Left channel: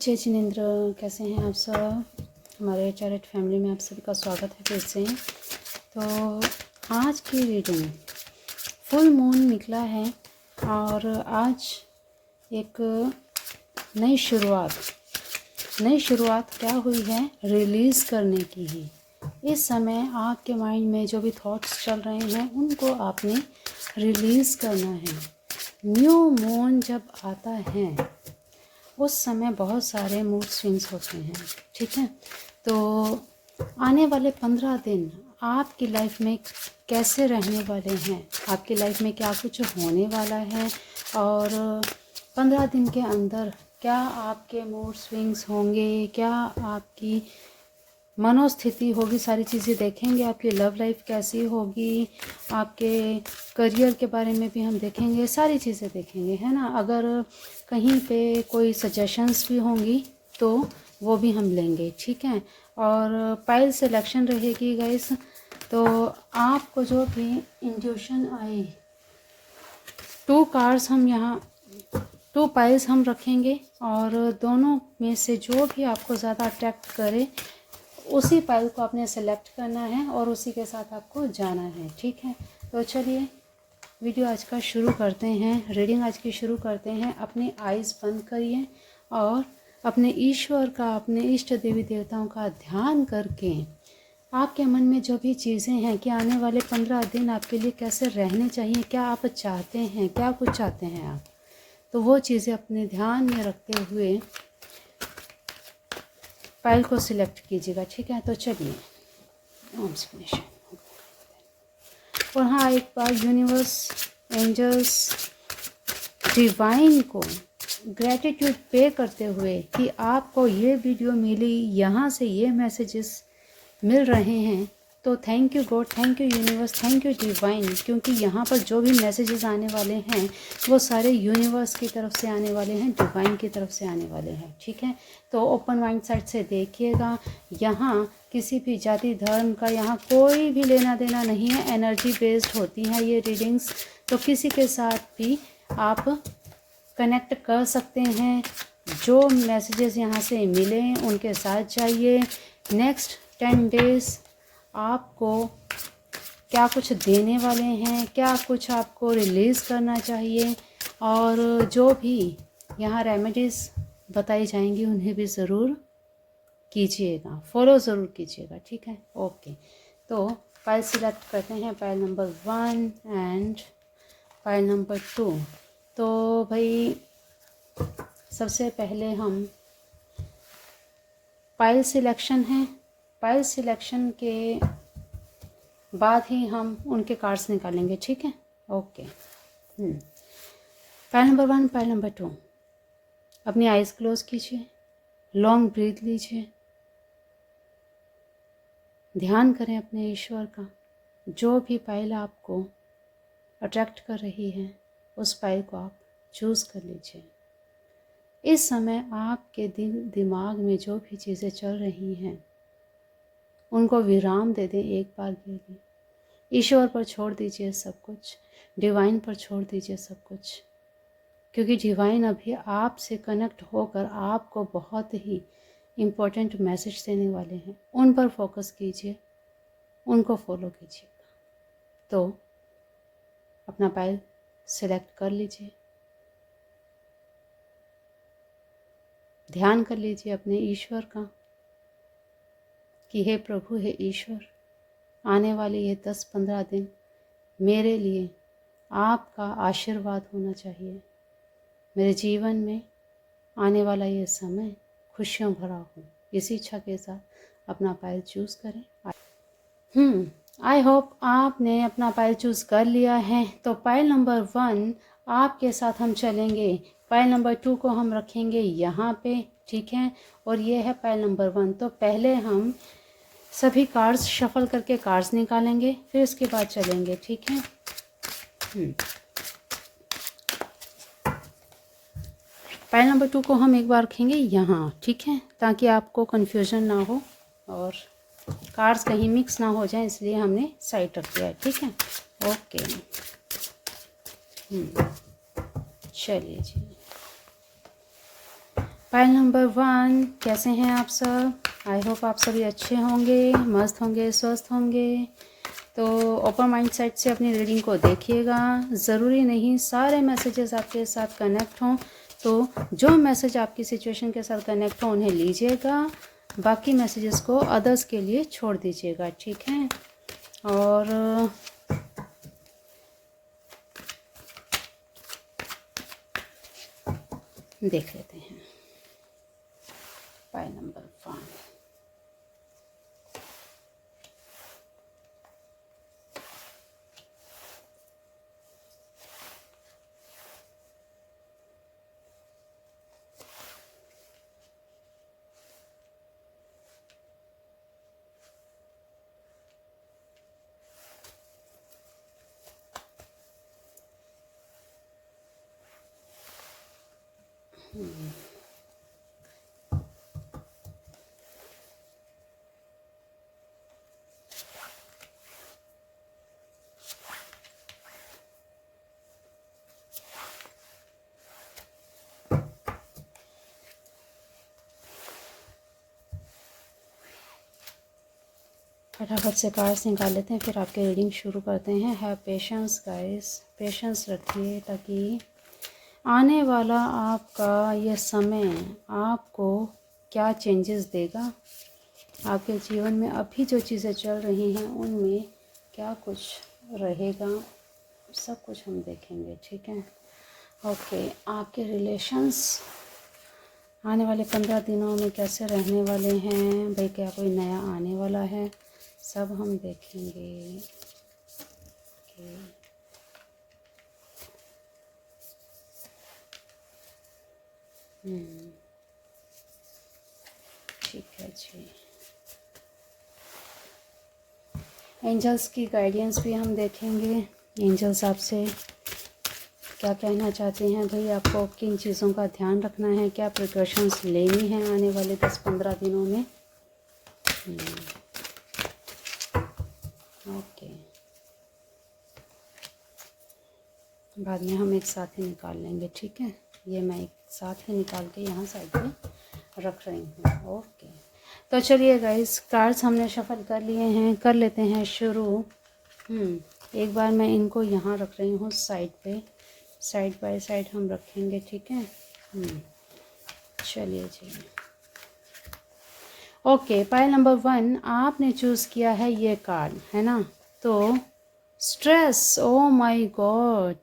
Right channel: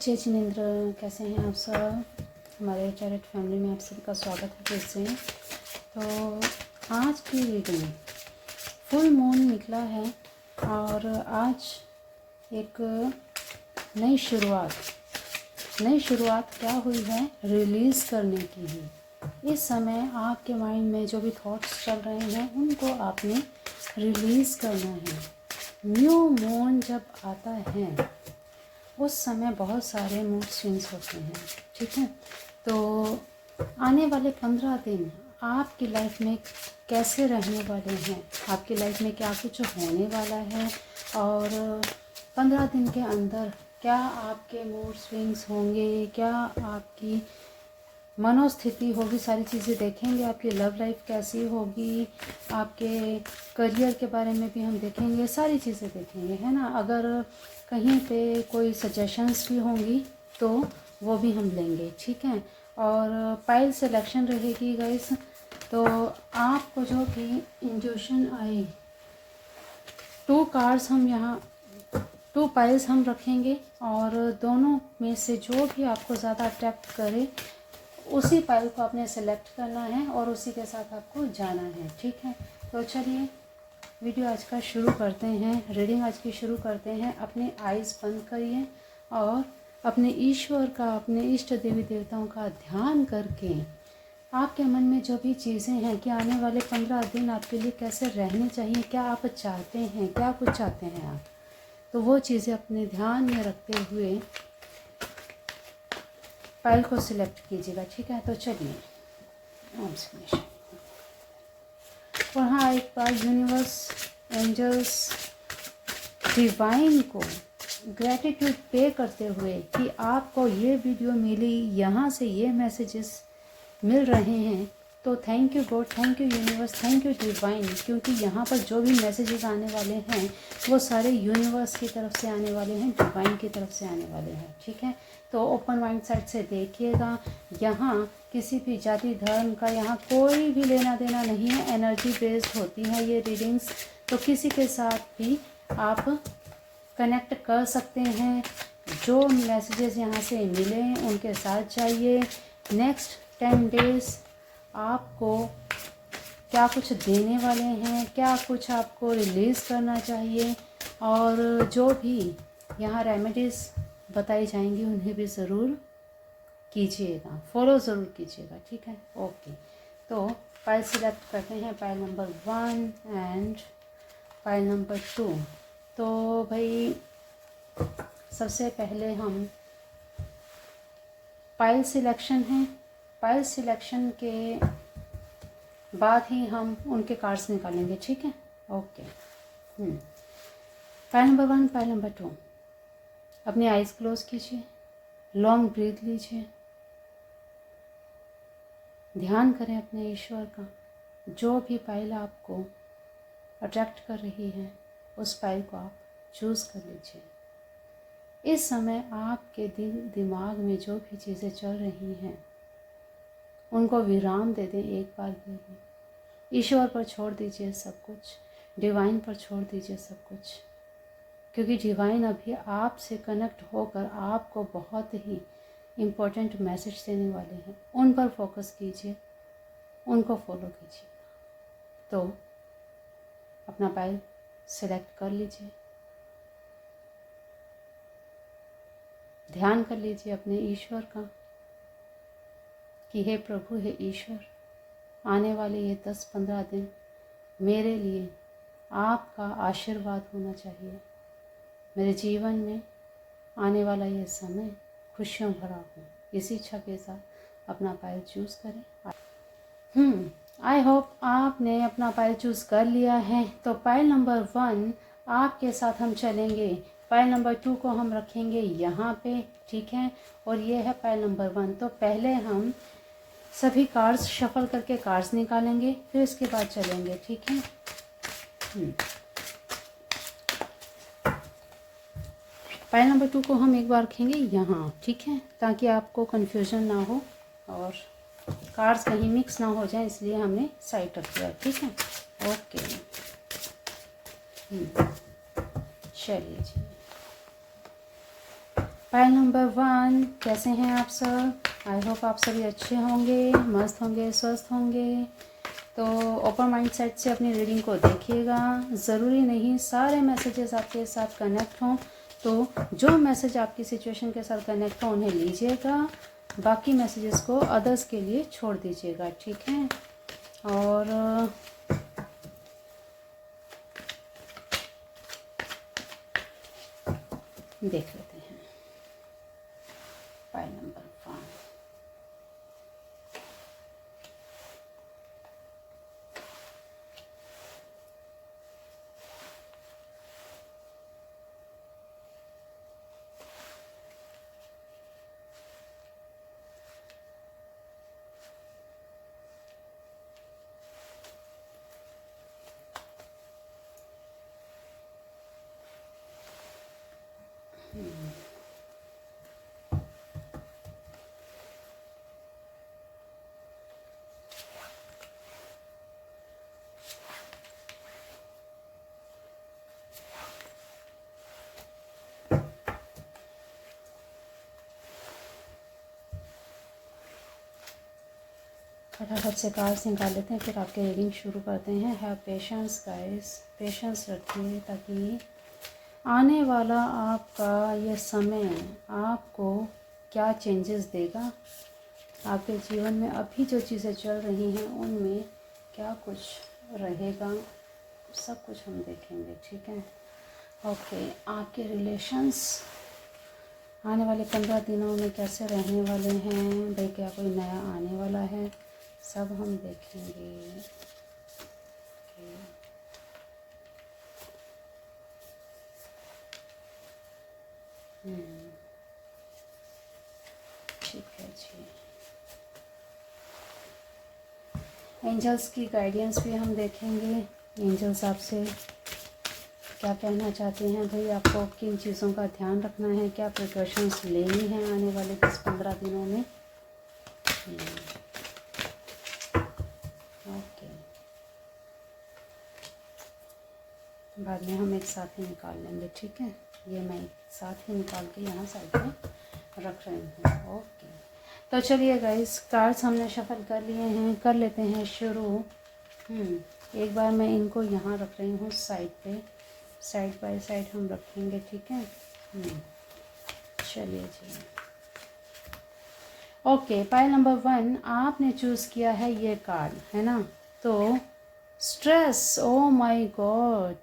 जय जिनेंद्र, कैसे हैं आप सब। हमारे चैरिट फैमिली में आप सबका स्वागत है फिर से। तो आज की रीडिंग फुल मून निकला है और आज एक नई शुरुआत क्या हुई है, रिलीज़ करने की है। इस समय आपके माइंड में जो भी थॉट्स चल रहे हैं उनको आपने रिलीज़ करना है। न्यू मून जब आता है उस समय बहुत सारे मूड स्विंग्स होते हैं, ठीक है। तो आने वाले 15 दिन आपकी लाइफ में कैसे रहने वाले हैं, आपकी लाइफ में क्या कुछ होने वाला है और 15 दिन के अंदर क्या आपके मूड स्विंग्स होंगे, क्या आपकी मनोस्थिति होगी, सारी चीज़ें देखेंगे। आपकी लव लाइफ कैसी होगी, आपके करियर के बारे में भी हम देखेंगे, सारी चीज़ें देखेंगे, है ना। अगर कहीं पे कोई सजेशंस भी होंगी तो वो भी हम लेंगे, ठीक है। और पाइल सिलेक्शन रहेगी गाइस। तो आपको जो भी इंट्यूशन आई, 2 कार्ड्स हम यहाँ 2 पाइल्स हम रखेंगे और दोनों में से जो भी आपको ज़्यादा अट्रैक्ट करे उसी पाइल को आपने सेलेक्ट करना है और उसी के साथ आपको जाना है, ठीक है। तो चलिए वीडियो आज का शुरू करते हैं, रीडिंग आज की शुरू करते हैं। अपनी आइज़ बंद करिए और अपने ईश्वर का, अपने इष्ट देवी देवताओं का ध्यान करके आपके मन में जो भी चीज़ें हैं कि आने वाले 15 दिन आपके लिए कैसे रहने चाहिए, क्या आप चाहते हैं, क्या कुछ चाहते हैं आप, तो वो चीज़ें अपने ध्यान में रखते हुए पाइल को सिलेक्ट कीजिएगा, ठीक है। तो चलिए ओम श्री गणेश। और हाँ, एक बार यूनिवर्स, एंजल्स, डिवाइन को ग्रैटिट्यूड पे करते हुए कि आपको ये वीडियो मिली, यहाँ से ये मैसेजेस मिल रहे हैं, तो thank you God, thank you universe, thank you divine, क्योंकि यहाँ पर जो भी मैसेजेस आने वाले हैं वो सारे यूनिवर्स की तरफ से आने वाले हैं, डिवाइन की तरफ से आने वाले हैं, ठीक है। तो ओपन माइंड साइड से देखिएगा। यहाँ किसी भी जाति धर्म का यहाँ कोई भी लेना देना नहीं है, एनर्जी बेस्ड होती हैं ये रीडिंग्स। तो किसी के साथ भी आप कनेक्ट कर सकते हैं। जो मैसेजेस यहाँ से मिले उनके साथ जाइए। नेक्स्ट 10 डेज आपको क्या कुछ देने वाले हैं, क्या कुछ आपको रिलीज़ करना चाहिए, और जो भी यहाँ रेमेडीज़ बताई जाएंगी उन्हें भी ज़रूर कीजिएगा, फॉलो ज़रूर कीजिएगा, ठीक है। ओके, तो पाइल सिलेक्ट करते हैं, pile number 1 and pile number 2। तो भाई सबसे पहले हम पाइल सिलेक्शन है, पाइल सिलेक्शन के बाद ही हम उनके कार्ड्स निकालेंगे, ठीक है। Okay, pile number 1, pile number 2। अपनी आइज़ क्लोज कीजिए, लॉन्ग ब्रीथ लीजिए, ध्यान करें अपने ईश्वर का। जो भी पाइल आपको अट्रैक्ट कर रही है उस पाइल को आप चूज़ कर लीजिए। इस समय आपके दिमाग में जो भी चीज़ें चल रही हैं उनको विराम दे दें, एक बार के लिए ईश्वर पर छोड़ दीजिए सब कुछ, डिवाइन पर छोड़ दीजिए सब कुछ, क्योंकि डिवाइन अभी आपसे कनेक्ट होकर आपको बहुत ही इम्पोर्टेंट मैसेज देने वाले हैं। उन पर फोकस कीजिए, उनको फॉलो कीजिए। तो अपना पाइल सेलेक्ट कर लीजिए, ध्यान कर लीजिए अपने ईश्वर का कि हे प्रभु, हे ईश्वर, आने वाले ये 10-15 दिन मेरे लिए आपका आशीर्वाद होना चाहिए। मेरे जीवन में आने वाला ये समय खुशियों भरा हो। इसी इच्छा के साथ अपना पाइल चूज़ करें। आई होप आपने अपना पाइल चूज़ कर लिया है। तो पाइल नंबर 1 आपके साथ हम चलेंगे, पाइल नंबर 2 को हम रखेंगे यहाँ पे, ठीक है। और ये है पाइल नंबर 1। तो पहले हम सभी कार्ड्स शफल करके कार्ड्स निकालेंगे, फिर इसके बाद चलेंगे, ठीक है। पाइल नंबर 2 को हम एक बार रखेंगे यहाँ, ठीक है, ताकि आपको कन्फ्यूजन ना हो और कार्ड्स कहीं मिक्स ना हो जाए, इसलिए हमने साइड रख दिया, ठीक है। ओके, चलिए जी। पाइल नंबर 1, कैसे हैं आप सब? आई होप आप सभी अच्छे होंगे, मस्त होंगे, स्वस्थ होंगे। तो ओपन माइंड सेट से अपनी रीडिंग को देखिएगा। ज़रूरी नहीं सारे मैसेजेस आपके साथ कनेक्ट हों, तो जो मैसेज आपकी सिचुएशन के साथ कनेक्ट हो उन्हें लीजिएगा, बाकी मैसेजेस को अदर्स के लिए छोड़ दीजिएगा, ठीक है? और देख लेते हैं पाइल नंबर 5। फटाफट से कार्ड्स निकाल लेते हैं, फिर आपके रीडिंग शुरू करते हैं। हैव पेशेंस गाइस, पेशेंस रखिए ताकि आने वाला आपका ये समय आपको क्या चेंजेस देगा, आपके जीवन में अभी जो चीज़ें चल रही हैं उनमें क्या कुछ रहेगा, सब कुछ हम देखेंगे, ठीक है? ओके, आपके रिलेशंस आने वाले 15 दिनों में कैसे रहने वाले हैं भाई? क्या कोई नया आने वाला है? सब हम देखेंगे। ठीक है जी। एंजल्स की गाइडेंस भी हम देखेंगे। एंजल्स आपसे क्या कहना चाहते हैं भाई? आपको किन चीज़ों का ध्यान रखना है, क्या प्रिकॉशंस लेनी है आने वाले 10-15 दिनों में? ओके, बाद में हम एक साथ ही निकाल लेंगे, ठीक है? ये मैं एक साथ ही निकाल के यहाँ साइड में रख रही हूँ। ओके, तो चलिए गाइस, कार्ड्स हमने शफल कर लिए हैं, कर लेते हैं शुरू। एक बार मैं इनको यहाँ रख रही हूँ साइड पे, साइड बाय साइड हम रखेंगे, ठीक है? चलिए जी। ओके, पाइल नंबर 1 आपने चूज़ किया है ये कार्ड, है ना? तो स्ट्रेस, ओ माय गॉड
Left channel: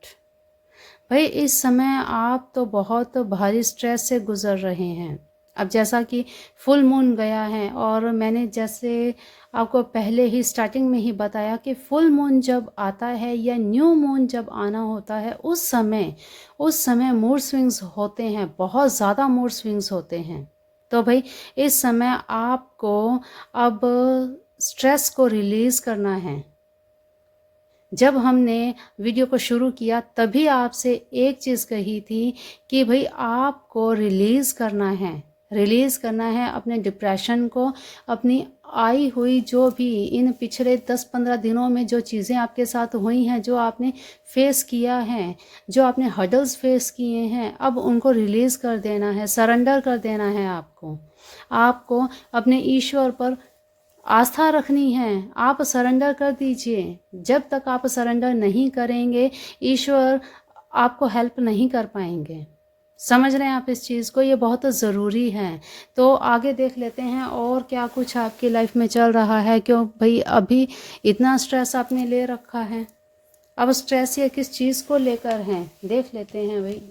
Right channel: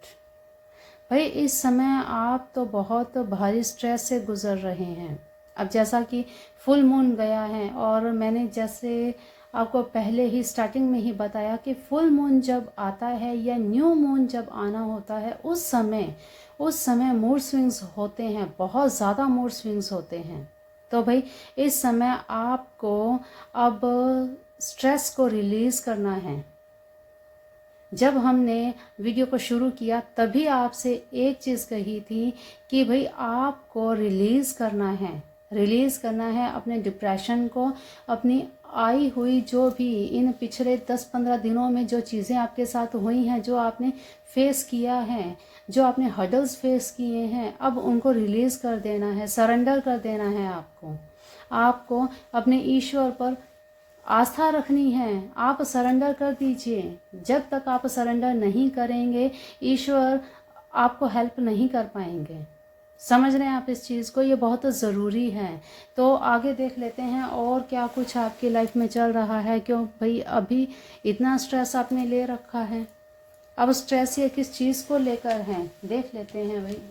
भाई, इस समय आप तो बहुत भारी स्ट्रेस से गुज़र रहे हैं। अब जैसा कि फुल मून गया है, और मैंने जैसे आपको पहले ही स्टार्टिंग में ही बताया कि फुल मून जब आता है या न्यू मून जब आना होता है, उस समय मूड स्विंग्स होते हैं, बहुत ज़्यादा मूड स्विंग्स होते हैं। तो भाई इस समय आपको अब स्ट्रेस को रिलीज़ करना है। जब हमने वीडियो को शुरू किया तभी आपसे एक चीज़ कही थी कि भाई आपको रिलीज़ करना है अपने डिप्रेशन को, अपनी आई हुई जो भी इन पिछले 10-15 दिनों में जो चीज़ें आपके साथ हुई हैं, जो आपने फेस किया है, जो आपने हर्डल्स फेस किए हैं, अब उनको रिलीज़ कर देना है, सरेंडर कर देना है आपको अपने ईश्वर पर आस्था रखनी है। आप सरेंडर कर दीजिए। जब तक आप सरेंडर नहीं करेंगे, ईश्वर आपको हेल्प नहीं कर पाएंगे। समझ रहे हैं आप इस चीज़ को? ये बहुत ज़रूरी है। तो आगे देख लेते हैं और क्या कुछ आपकी लाइफ में चल रहा है। क्यों भाई अभी इतना स्ट्रेस आपने ले रखा है? अब स्ट्रेस ये किस चीज़ को लेकर है, देख लेते हैं भाई।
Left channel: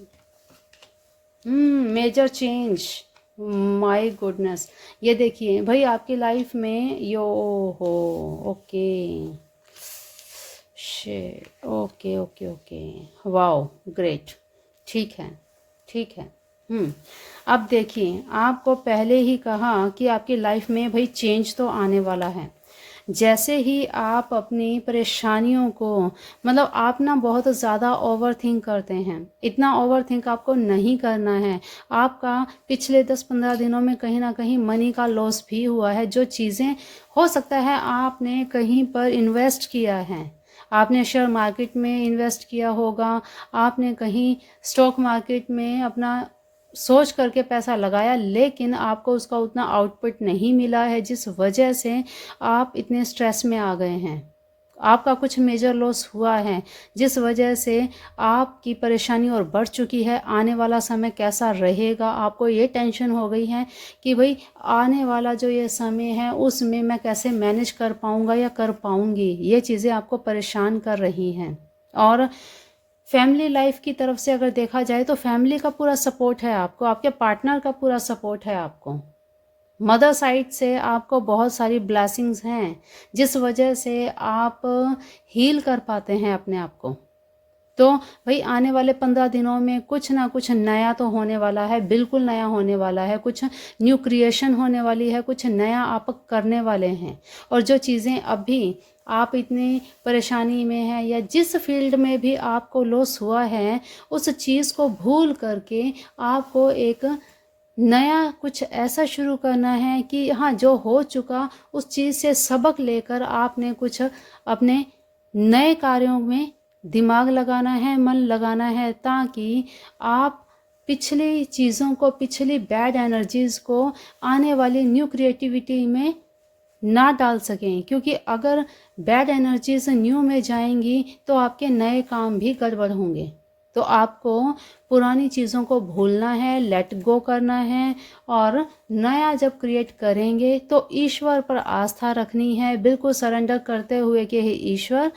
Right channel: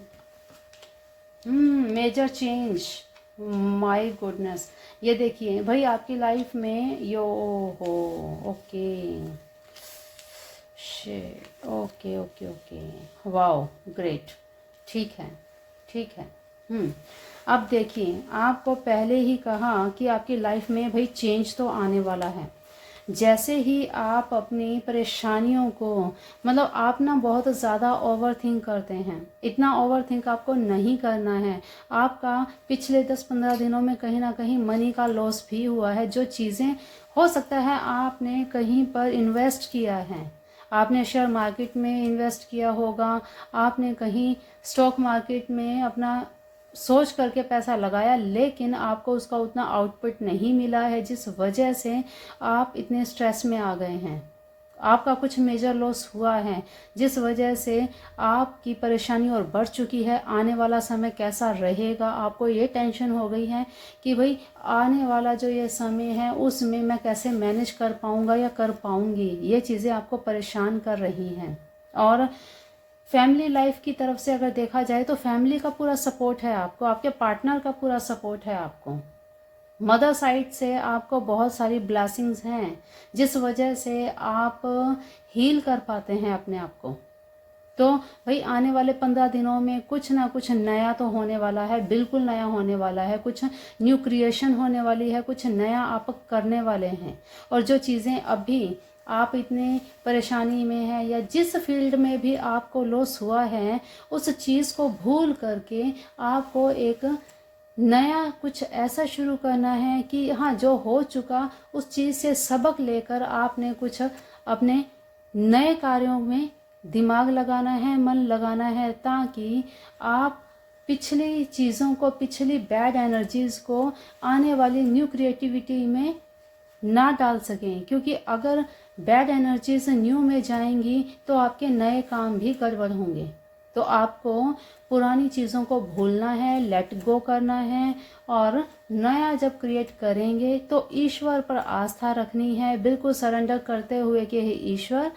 Major change, my goodness. ये देखिए भाई आपकी लाइफ में यो हो, okay shit, okay okay okay, wow great, ठीक है ठीक है। अब देखिए, आपको पहले ही कहा कि आपकी लाइफ में भाई चेंज तो आने वाला है। जैसे ही आप अपनी परेशानियों को, मतलब आप ना बहुत ज़्यादा ओवर थिंक करते हैं, इतना ओवर थिंक आपको नहीं करना है। आपका पिछले 10-15 दिनों में कहीं ना कहीं मनी का लॉस भी हुआ है। जो चीज़ें हो सकता है आपने कहीं पर इन्वेस्ट किया है, आपने शेयर मार्केट में इन्वेस्ट किया होगा, आपने कहीं स्टॉक मार्केट में अपना सोच करके पैसा लगाया, लेकिन आपको उसका उतना आउटपुट नहीं मिला है, जिस वजह से आप इतने स्ट्रेस में आ गए हैं। आपका कुछ मेजर लॉस हुआ है, जिस वजह से आपकी परेशानी और बढ़ चुकी है। आने वाला समय कैसा रहेगा, आपको ये टेंशन हो गई है कि भाई आने वाला जो ये समय है उसमें मैं कैसे मैनेज कर पाऊँगा या कर पाऊँगी। ये चीज़ें आपको परेशान कर रही हैं। और फैमिली लाइफ की तरफ से अगर देखा जाए तो फैमिली का पूरा सपोर्ट है आपको, आपके पार्टनर का पूरा सपोर्ट है आपको। मदर साइड से आपको बहुत सारी ब्लेसिंग्स हैं, जिस वजह से आप हील कर पाते हैं अपने आप को। तो भाई आने वाले 15 दिनों में कुछ ना कुछ नया तो होने वाला है, बिल्कुल नया होने वाला है। कुछ न्यू क्रिएशन होने वाली है, कुछ नया आप करने वाले हैं। और जो चीज़ें अभी आप इतने परेशानी में हैं या जिस फील्ड में भी आपको लॉस हुआ है, उस चीज़ को भूल करके आपको एक नया कुछ ऐसा शुरू करना है कि हाँ, जो हो चुका उस चीज़ से सबक लेकर आपने कुछ अपने नए कार्यों में दिमाग लगाना है, मन लगाना है, ताकि आप पिछली चीज़ों को, पिछली बैड एनर्जीज़ को आने वाली न्यू क्रिएटिविटी में ना डाल सकें। क्योंकि अगर बैड एनर्जीज न्यू में जाएंगी तो आपके नए काम भी गड़बड़ होंगे। तो आपको पुरानी चीज़ों को भूलना है, लेट गो करना है, और नया जब क्रिएट करेंगे तो ईश्वर पर आस्था रखनी है, बिल्कुल सरेंडर करते हुए कि हे ईश्वर,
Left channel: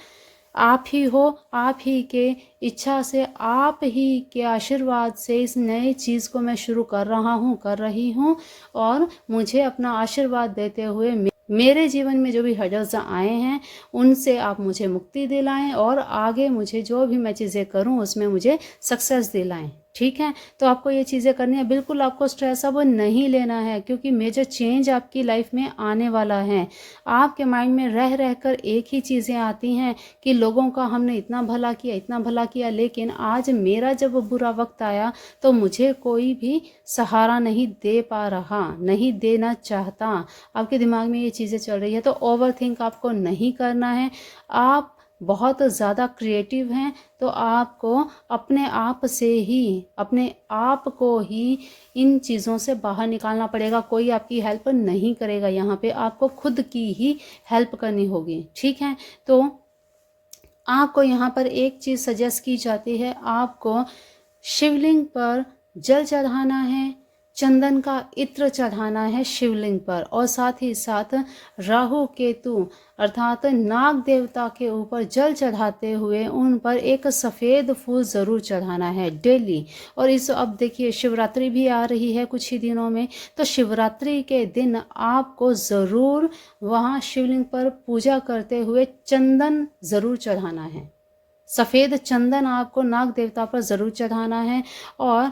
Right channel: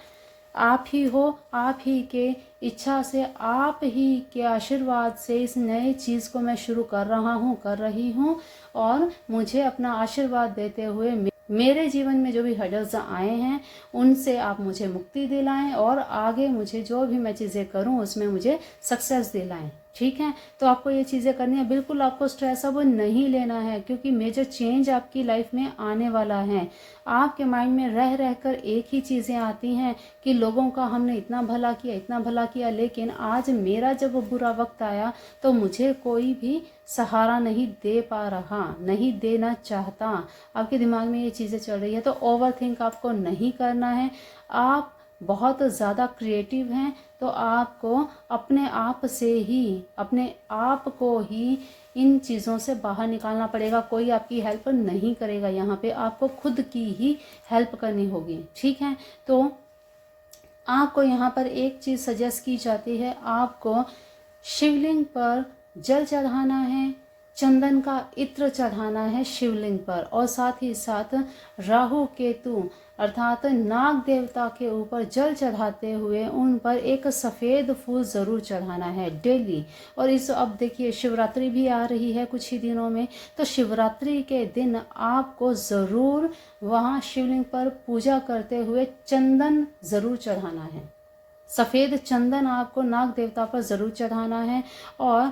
आप ही हो, आप ही के इच्छा से, आप ही के आशीर्वाद से इस नए चीज़ को मैं शुरू कर रहा हूँ, कर रही हूँ। और मुझे अपना आशीर्वाद देते हुए मेरे जीवन में जो भी हर्डल्स आए हैं उनसे आप मुझे मुक्ति दिलाएं, और आगे मुझे जो भी मैं चीज़ें करूं उसमें मुझे सक्सेस दिलाएं। ठीक है, तो आपको ये चीज़ें करनी है। बिल्कुल आपको स्ट्रेस अब नहीं लेना है, क्योंकि मेजर चेंज आपकी लाइफ में आने वाला है। आपके माइंड में रह रहकर एक ही चीज़ें आती हैं कि लोगों का हमने इतना भला किया, इतना भला किया, लेकिन आज मेरा जब बुरा वक्त आया तो मुझे कोई भी सहारा नहीं दे पा रहा, नहीं देना चाहता। आपके दिमाग में ये चीज़ें चल रही है, तो ओवर थिंक आपको नहीं करना है। आप बहुत ज़्यादा क्रिएटिव हैं, तो आपको अपने आप से ही, अपने आप को ही इन चीज़ों से बाहर निकालना पड़ेगा। कोई आपकी हेल्प नहीं करेगा, यहाँ पे आपको खुद की ही हेल्प करनी होगी। ठीक है, तो आपको यहाँ पर एक चीज़ सजेस्ट की जाती है, आपको शिवलिंग पर जल चढ़ाना है, चंदन का इत्र चढ़ाना है शिवलिंग पर, और साथ ही साथ राहु केतु अर्थात नाग देवता के ऊपर जल चढ़ाते हुए उन पर एक सफ़ेद फूल ज़रूर चढ़ाना है डेली। और इस अब देखिए शिवरात्रि भी आ रही है कुछ ही दिनों में, तो शिवरात्रि के दिन आपको ज़रूर वहाँ शिवलिंग पर पूजा करते हुए चंदन ज़रूर चढ़ाना है। सफ़ेद चंदन आपको नाग देवता पर ज़रूर चढ़ाना है, और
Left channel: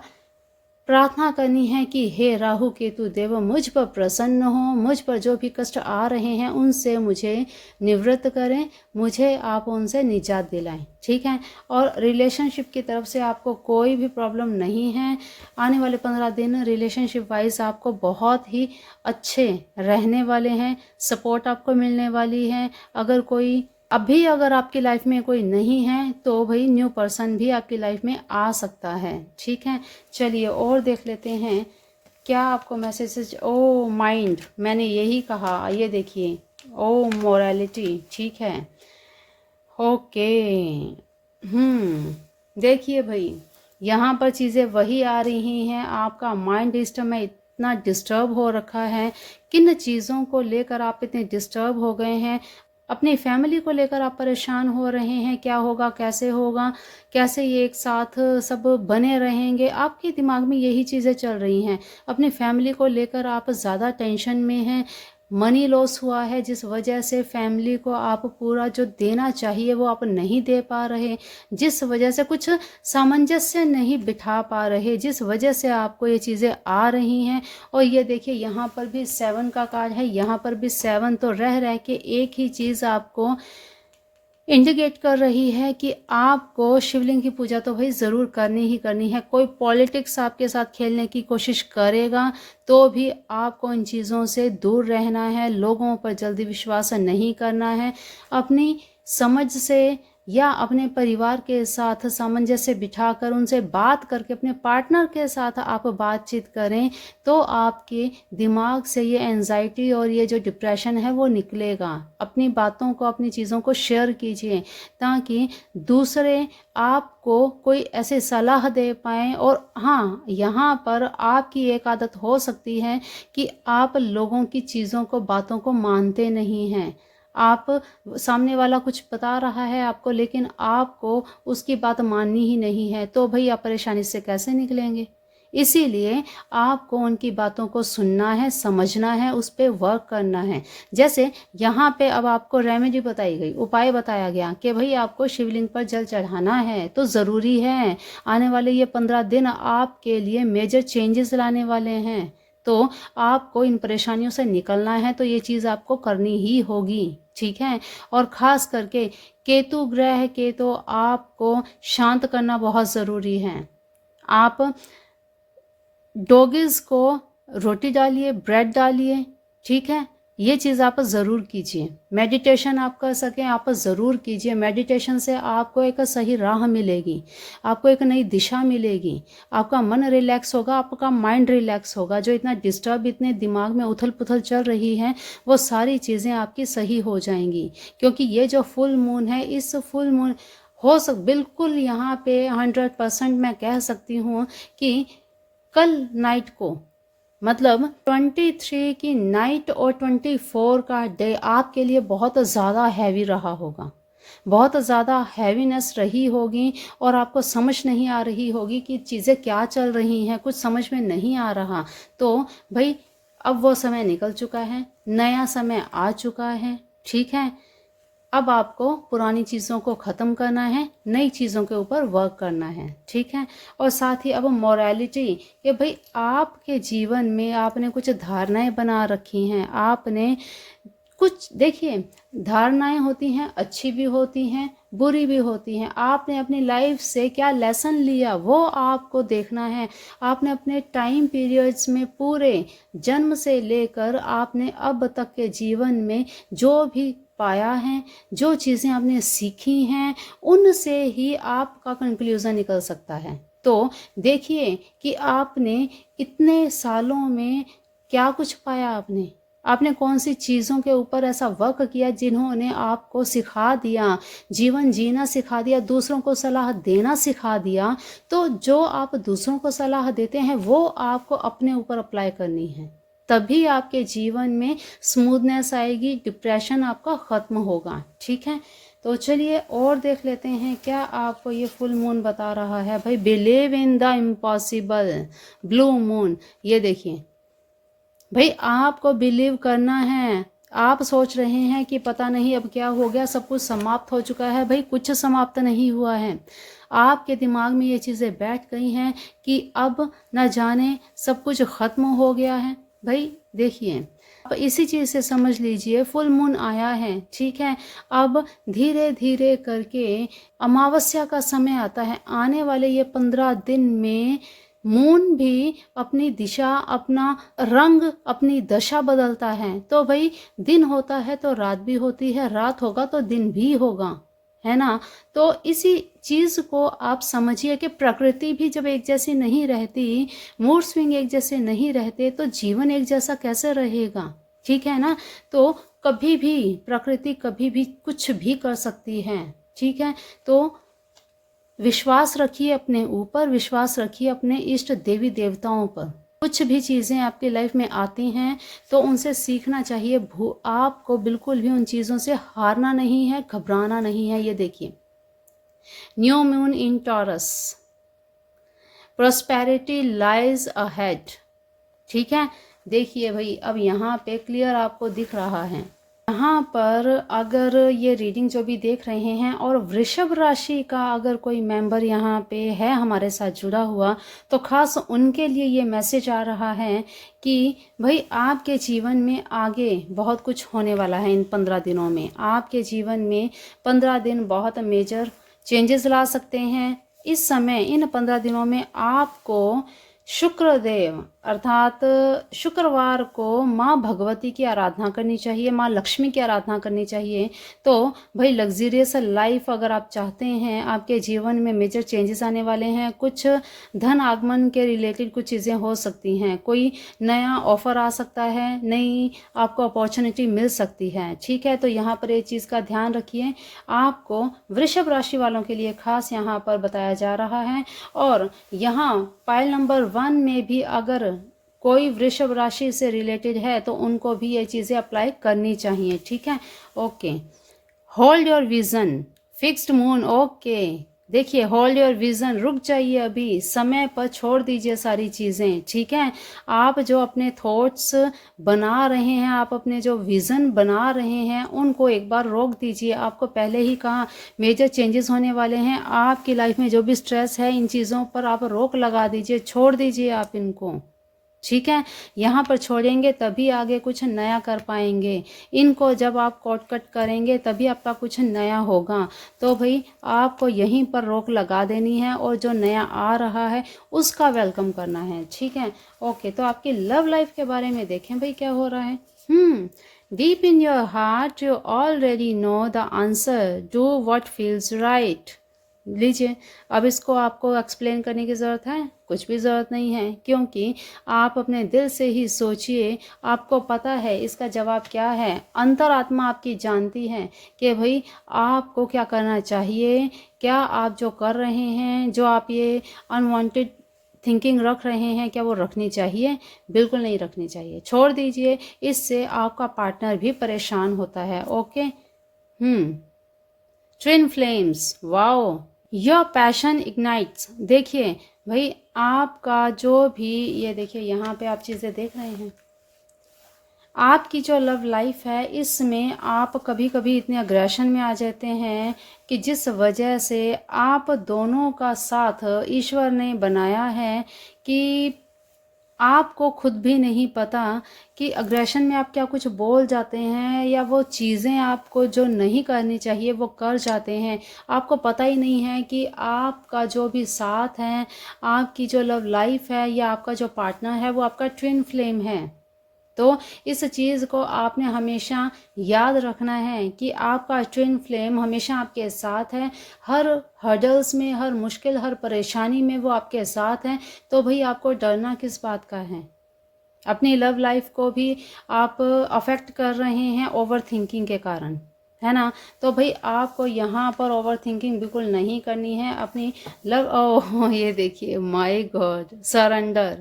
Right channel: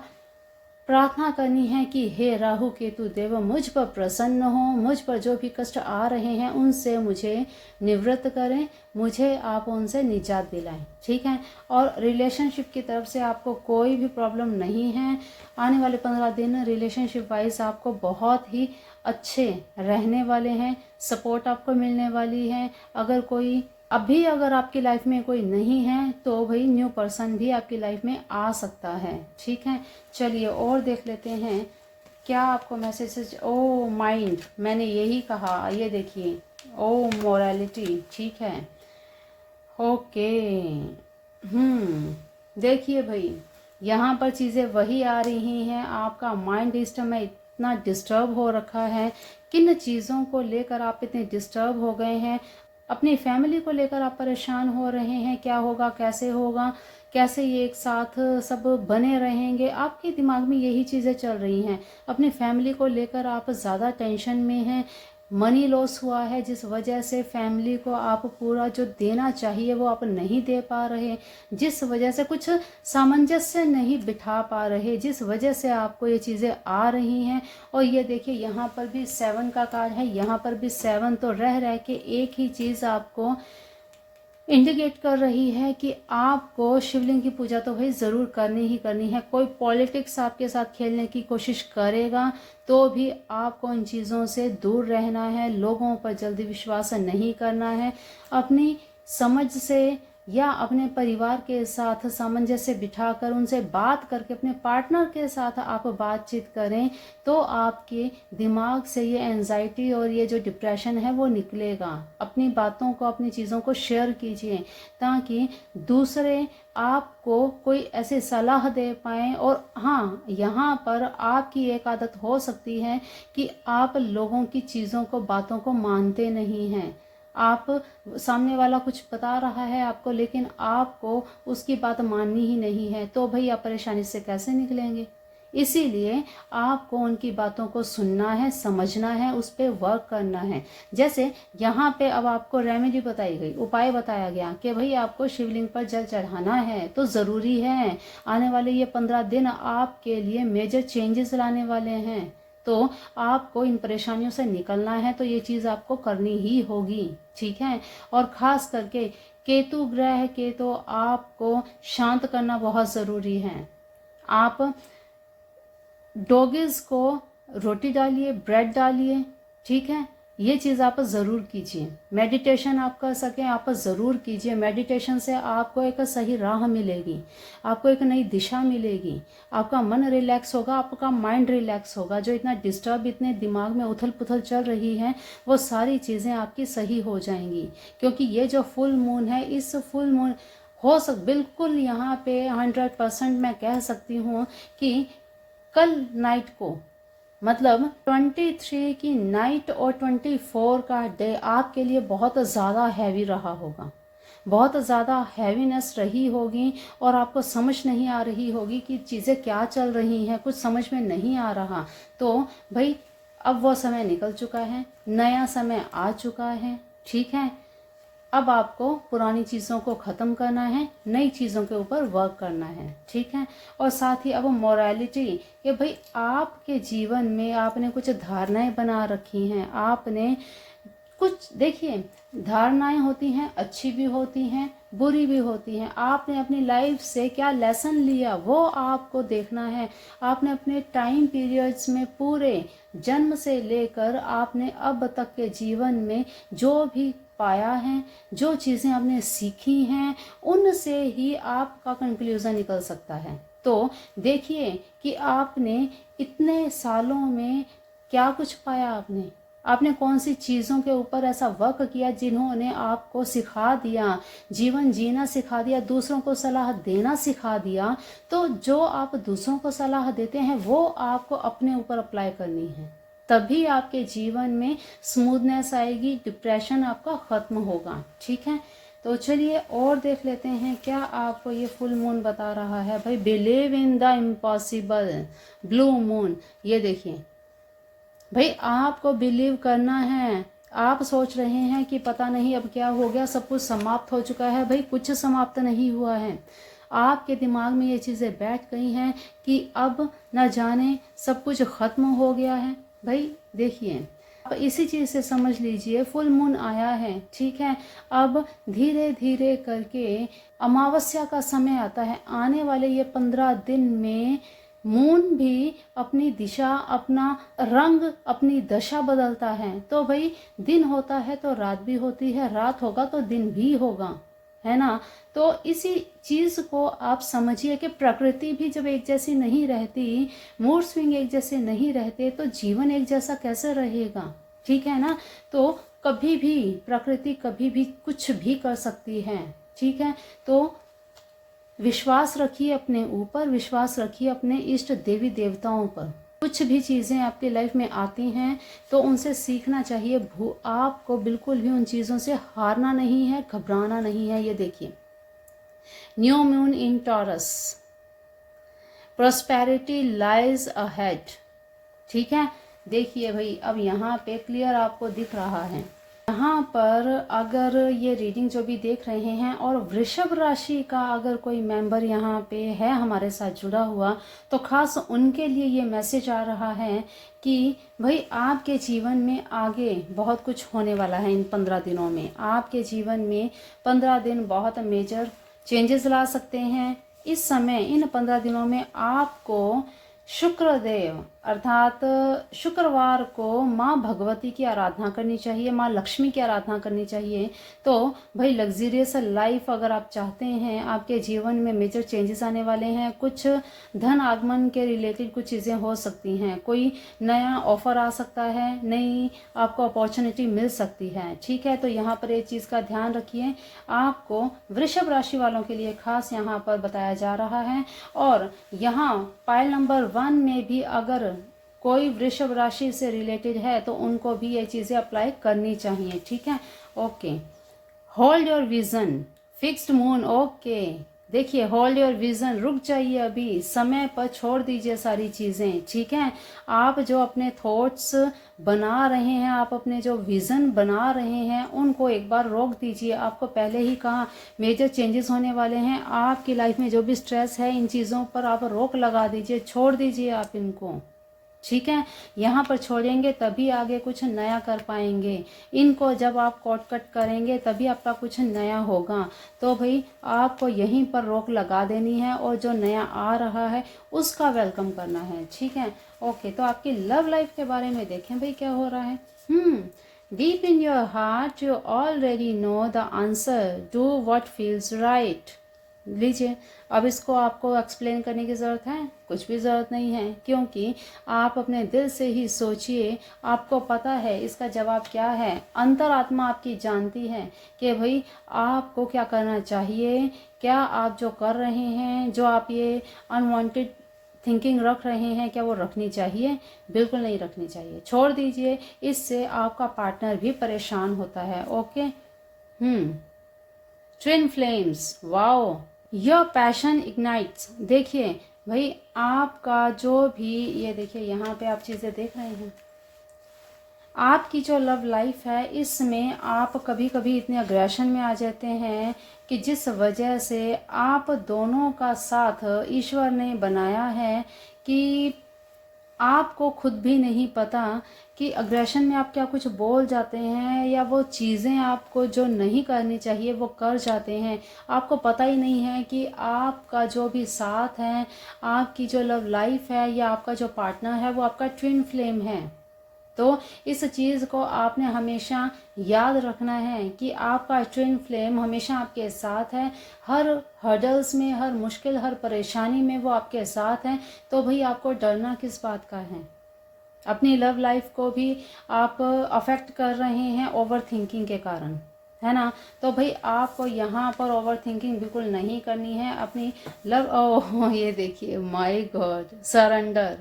प्रार्थना करनी है कि हे राहु केतु देव, मुझ पर प्रसन्न हो, मुझ पर जो भी कष्ट आ रहे हैं उनसे मुझे निवृत्त करें, मुझे आप उनसे निजात दिलाएं। ठीक है, और रिलेशनशिप की तरफ से आपको कोई भी प्रॉब्लम नहीं है। आने वाले 15 दिन रिलेशनशिप वाइज आपको बहुत ही अच्छे रहने वाले हैं, सपोर्ट आपको मिलने वाली है। अगर आपकी लाइफ में कोई नहीं है तो भाई न्यू पर्सन भी आपकी लाइफ में आ सकता है। ठीक है, चलिए और देख लेते हैं क्या आपको मैसेजेस। ओ माइंड, मैंने यही कहा, ये देखिए, ओ मोरालिटी। ठीक है, ओके, देखिए भाई यहाँ पर चीज़ें वही आ रही हैं। आपका माइंड सिस्टम में इतना डिस्टर्ब हो रखा है, किन चीज़ों को लेकर आप इतने डिस्टर्ब हो गए हैं, अपनी फैमिली को लेकर आप परेशान हो रहे हैं, क्या होगा, कैसे होगा, कैसे ये एक साथ सब बने रहेंगे, आपके दिमाग में यही चीज़ें चल रही हैं। अपनी फैमिली को लेकर आप ज़्यादा टेंशन में हैं, मनी लॉस हुआ है, जिस वजह से फैमिली को आप पूरा जो देना चाहिए वो आप नहीं दे पा रहे, जिस वजह से कुछ सामंजस्य नहीं बिठा पा रहे, जिस वजह से आपको ये चीज़ें आ रही हैं। और ये देखिए यहाँ पर भी 7 का कार्ड है, यहाँ पर भी 7, तो रह रह के एक ही चीज़ आपको इंडिकेट कर रही है कि आपको शिवलिंग की पूजा तो भाई ज़रूर करनी ही करनी है। कोई पॉलिटिक्स आपके साथ खेलने की कोशिश करेगा तो भी आपको इन चीज़ों से दूर रहना है, लोगों पर जल्दी विश्वास नहीं करना है, अपनी समझ से, या अपने परिवार के साथ सामंजस्य बिठाकर उनसे बात करके अपने पार्टनर के साथ आप बातचीत करें तो आपके दिमाग से ये एंजाइटी और ये जो डिप्रेशन है वो निकलेगा। अपनी बातों को, अपनी चीज़ों को शेयर कीजिए ताकि दूसरे आपको कोई ऐसे सलाह दे पाएँ। और हाँ, यहाँ पर आपकी एक आदत हो सकती है कि आप लोगों की चीज़ों को, बातों को मानते नहीं हैं। आप, सामने वाला कुछ बता रहा है आपको लेकिन आपको उसकी बात माननी ही नहीं है, तो भाई आप परेशानी से कैसे निकलेंगे। इसीलिए आपको उनकी बातों को सुनना है, समझना है, उस पर वर्क करना है। जैसे यहाँ पे अब आपको रेमेडी बताई गई, उपाय बताया गया कि भाई आपको शिवलिंग पर जल चढ़ाना है, तो ज़रूरी है। आने वाले ये 15 दिन आपके लिए मेजर चेंजेस लाने वाले हैं, तो आपको इन परेशानियों से निकलना है, तो ये चीज़ आपको करनी ही होगी, ठीक है। और ख़ास करके केतु ग्रह के तो आपको शांत करना बहुत ज़रूरी है। आप डॉगीज़ को रोटी डालिए, ब्रेड डालिए, ठीक है। ये चीज़ आप ज़रूर कीजिए। मेडिटेशन आप कर सकें आप ज़रूर कीजिए। मेडिटेशन से आपको एक सही राह मिलेगी, आपको एक नई दिशा मिलेगी, आपका मन रिलैक्स होगा, आपका माइंड रिलैक्स होगा। जो इतना डिस्टर्ब, इतने दिमाग में उथल पुथल चल रही है, वो सारी चीज़ें आपकी सही हो जाएंगी। क्योंकि ये जो फुल मून है, इस फुल मून बिल्कुल यहाँ पे 100% मैं कह सकती हूँ कि कल नाइट को, मतलब 23 की नाइट और 24 का डे आपके लिए बहुत ज़्यादा हैवी रहा होगा, बहुत ज़्यादा हैवीनेस रही होगी और आपको समझ नहीं आ रही होगी कि चीज़ें क्या चल रही हैं, कुछ समझ में नहीं आ रहा। तो भाई अब वो समय निकल चुका है, नया समय आ चुका है, ठीक है। अब आपको पुरानी चीज़ों को ख़त्म करना है, नई चीज़ों के ऊपर वर्क करना है, ठीक है। और साथ ही अब मोरालिटी, कि भाई आपके जीवन में आपने कुछ धारणाएं बना रखी हैं, आपने कुछ, देखिए धारणाएं होती हैं, अच्छी भी होती हैं, बुरी भी होती हैं। आपने अपनी लाइफ से क्या लेसन लिया वो आपको देखना है। आपने अपने टाइम पीरियड्स में, पूरे जन्म से लेकर आपने अब तक के जीवन में जो भी पाया है, जो चीज़ें आपने सीखी हैं, उनसे ही आपका कंक्लूज़न निकल सकता है। तो देखिए कि आपने इतने सालों में क्या कुछ पाया, आपने कौन सी चीज़ों के ऊपर ऐसा वर्क किया जिन्होंने आपको सिखा दिया, जीवन जीना सिखा दिया, दूसरों को सलाह देना सिखा दिया। तो जो आप दूसरों को सलाह देते हैं वो आपको अपने ऊपर अप्लाई करनी है, तभी आपके जीवन में स्मूथनेस आएगी, डिप्रेशन आपका ख़त्म होगा, ठीक है। तो चलिए और देख लेते हैं क्या आपको ये फुल मून बता रहा है। भाई believe in the impossible, blue moon, ये देखिए भाई आपको बिलीव करना है। आप सोच रहे हैं कि पता नहीं अब क्या हो गया, सब कुछ समाप्त हो चुका है। भाई कुछ समाप्त नहीं हुआ है, आपके दिमाग में ये चीज़ें बैठ गई हैं कि अब न जाने सब कुछ ख़त्म हो गया है। भाई देखिए, अब इसी चीज़ से समझ लीजिए फुल मून आया है, ठीक है। अब धीरे धीरे करके अमावस्या का समय आता है। आने वाले ये 15 दिन में मून भी अपनी दिशा, अपना रंग, अपनी दशा बदलता है। तो भाई दिन होता है तो रात भी होती है, रात होगा तो दिन भी होगा, है ना। तो इसी चीज़ को आप समझिए कि प्रकृति भी जब एक जैसी नहीं रहती, मूड स्विंग एक जैसे नहीं रहते, तो जीवन एक जैसा कैसे रहेगा, ठीक है ना। तो कभी भी प्रकृति कभी भी कुछ भी कर सकती है, ठीक है। तो विश्वास रखिए अपने ऊपर, विश्वास रखिए अपने इष्ट देवी देवताओं पर। कुछ भी चीज़ें आपकी लाइफ में आती हैं तो उनसे सीखना चाहिए। आपको बिल्कुल भी उन चीज़ों से हारना नहीं है, घबराना नहीं है। ये देखिए, new moon in taurus, prosperity lies ahead, ठीक है। देखिए भाई अब यहाँ पे क्लियर आपको दिख रहा है। यहाँ पर अगर ये रीडिंग जो भी देख रहे हैं और वृषभ राशि का अगर कोई मेंबर यहाँ पे है हमारे साथ जुड़ा हुआ, तो खास उनके लिए ये मैसेज आ रहा है कि भाई आपके जीवन में आगे बहुत कुछ होने वाला है। इन 15 दिनों में आपके जीवन में 15 दिन बहुत मेजर चेंजेस ला सकते हैं। इस समय इन 15 दिनों में आपको शुक्रदेव अर्थात शुक्रवार को माँ भगवती की आराधना करनी चाहिए, माँ लक्ष्मी की आराधना करनी चाहिए। तो भाई लग्जरियस लाइफ अगर आप चाहते हैं, आपके जीवन में मेजर चेंजेस आने वाले हैं, कुछ धन आगमन के रिलेटेड कुछ चीज़ें हो सकती हैं, कोई नया ऑफर आ सकता है, नई आपको अपॉर्चुनिटी मिल सकती है। ठीक है, तो यहाँ पर एक चीज़ का ध्यान रखिए, आपको वृषभ राशि वालों के लिए खास यहाँ पर बताया जा रहा है। और यहाँ पाइल नंबर 1 में भी अगर कोई वृषभ राशि से रिलेटेड है तो उनको भी ये चीज़ें अप्लाई करनी चाहिए। ठीक है, okay. Hold your vision, fixed moon, okay. देखिए, होल्ड योर विजन, रुक जाइए, अभी समय पर छोड़ दीजिए सारी चीज़ें। ठीक है, आप जो अपने थॉट्स बना रहे हैं, आप अपने जो विज़न बना रहे हैं, उनको एक बार रोक दीजिए। आपको पहले ही कहा मेजर चेंजेस होने वाले हैं आपकी लाइफ में। जो भी स्ट्रेस है, इन चीज़ों पर आप रोक लगा दीजिए, छोड़ दीजिए आप इनको। ठीक है, यहाँ पर छोड़ेंगे तभी आगे कुछ नया कर पाएंगे। इनको जब आप कट कट करेंगे तभी आपका कुछ नया होगा। तो भाई आपको यहीं पर रोक लगा देनी है और जो नया आ रहा है उसका वेलकम करना है। ठीक है, ओके। तो आपकी लव लाइफ के बारे में देखें भाई क्या हो रहा है। Deep in your heart you already know the answer, do what feels right. लीजिए, अब इसको आपको एक्सप्लेन करने की ज़रूरत है? कुछ भी ज़रूरत नहीं है, क्योंकि आप अपने दिल से ही सोचिए, आपको पता है इसका जवाब क्या है। अंतरात्मा आपकी जानती है कि भाई आपको क्या करना चाहिए। क्या आप जो कर रहे हैं, जो आप ये अनवांटेड थिंकिंग रख रहे हैं, क्या वो रखनी चाहिए? बिल्कुल नहीं रखनी चाहिए, छोड़ दीजिए। इससे आपका पार्टनर भी परेशान होता है। Okay. Twin flames, wow, your passion ignites. देखिए भाई, आपका जो भी, ये देखिए यहाँ पे आप चीज़ें देख रहे हैं, आपकी जो लव लाइफ है इसमें आप कभी कभी इतने अग्रेशन में आ जाते हैं कि जिस वजह से आप दोनों का साथ ईश्वर ने बनाया है कि आपको खुद भी नहीं पता कि अग्रेशन में आप क्या कुछ बोल जाते हैं या वो चीज़ें आपको जो नहीं करनी चाहिए वो कर जाते हैं। आपको पता ही नहीं है कि आपका जो भी साथ है, आपकी जो लव लाइफ है या आपका जो पार्टनर है वो आपका ट्विन फ्लेम है। तो इस चीज़ को आपने हमेशा याद रखना है कि आपका ट्विन फ्लेम हमेशा आपके साथ है। हर हर्डल्स में, हर मुश्किल, हर परेशानी में वो आपके साथ हैं। तो भाई आपको डरना किस बात का है? अपनी लव लाइफ को भी आप अफेक्ट कर रहे हैं ओवर थिंकिंग के कारण, है ना। तो भाई आपको यहाँ पर ओवर थिंकिंग बिल्कुल नहीं करनी है अपनी लव। ओह, ये देखिए, माय गॉड, सरेंडर।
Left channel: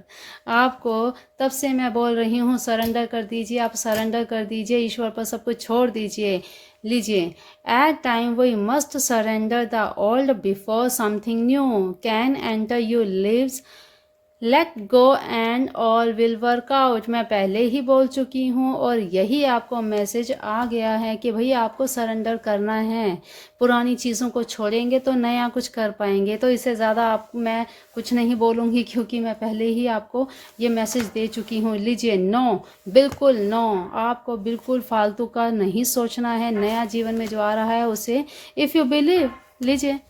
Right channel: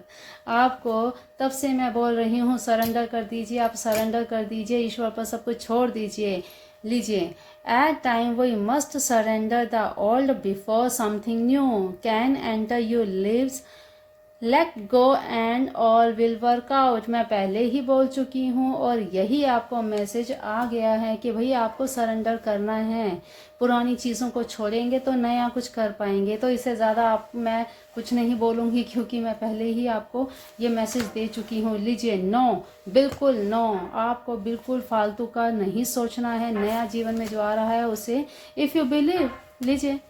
आपको तब से मैं बोल रही हूँ सरेंडर कर दीजिए, आप सरेंडर कर दीजिए, ईश्वर पर सब कुछ छोड़ दीजिए। लीजिए, at time we must surrender the old before something new can enter your lives. Let go and all will work out. मैं पहले ही बोल चुकी हूँ और यही आपको मैसेज आ गया है कि भाई आपको सरेंडर करना है। पुरानी चीज़ों को छोड़ेंगे तो नया कुछ कर पाएंगे। तो इससे ज़्यादा आप मैं कुछ नहीं बोलूँगी, क्योंकि मैं पहले ही आपको ये मैसेज दे चुकी हूँ। लीजिए, नो, बिल्कुल नो। आपको बिल्कुल फालतू का नहीं सोचना है। नया जीवन में जो आ रहा है उसे इफ़ यू बिलीव, लीजिए,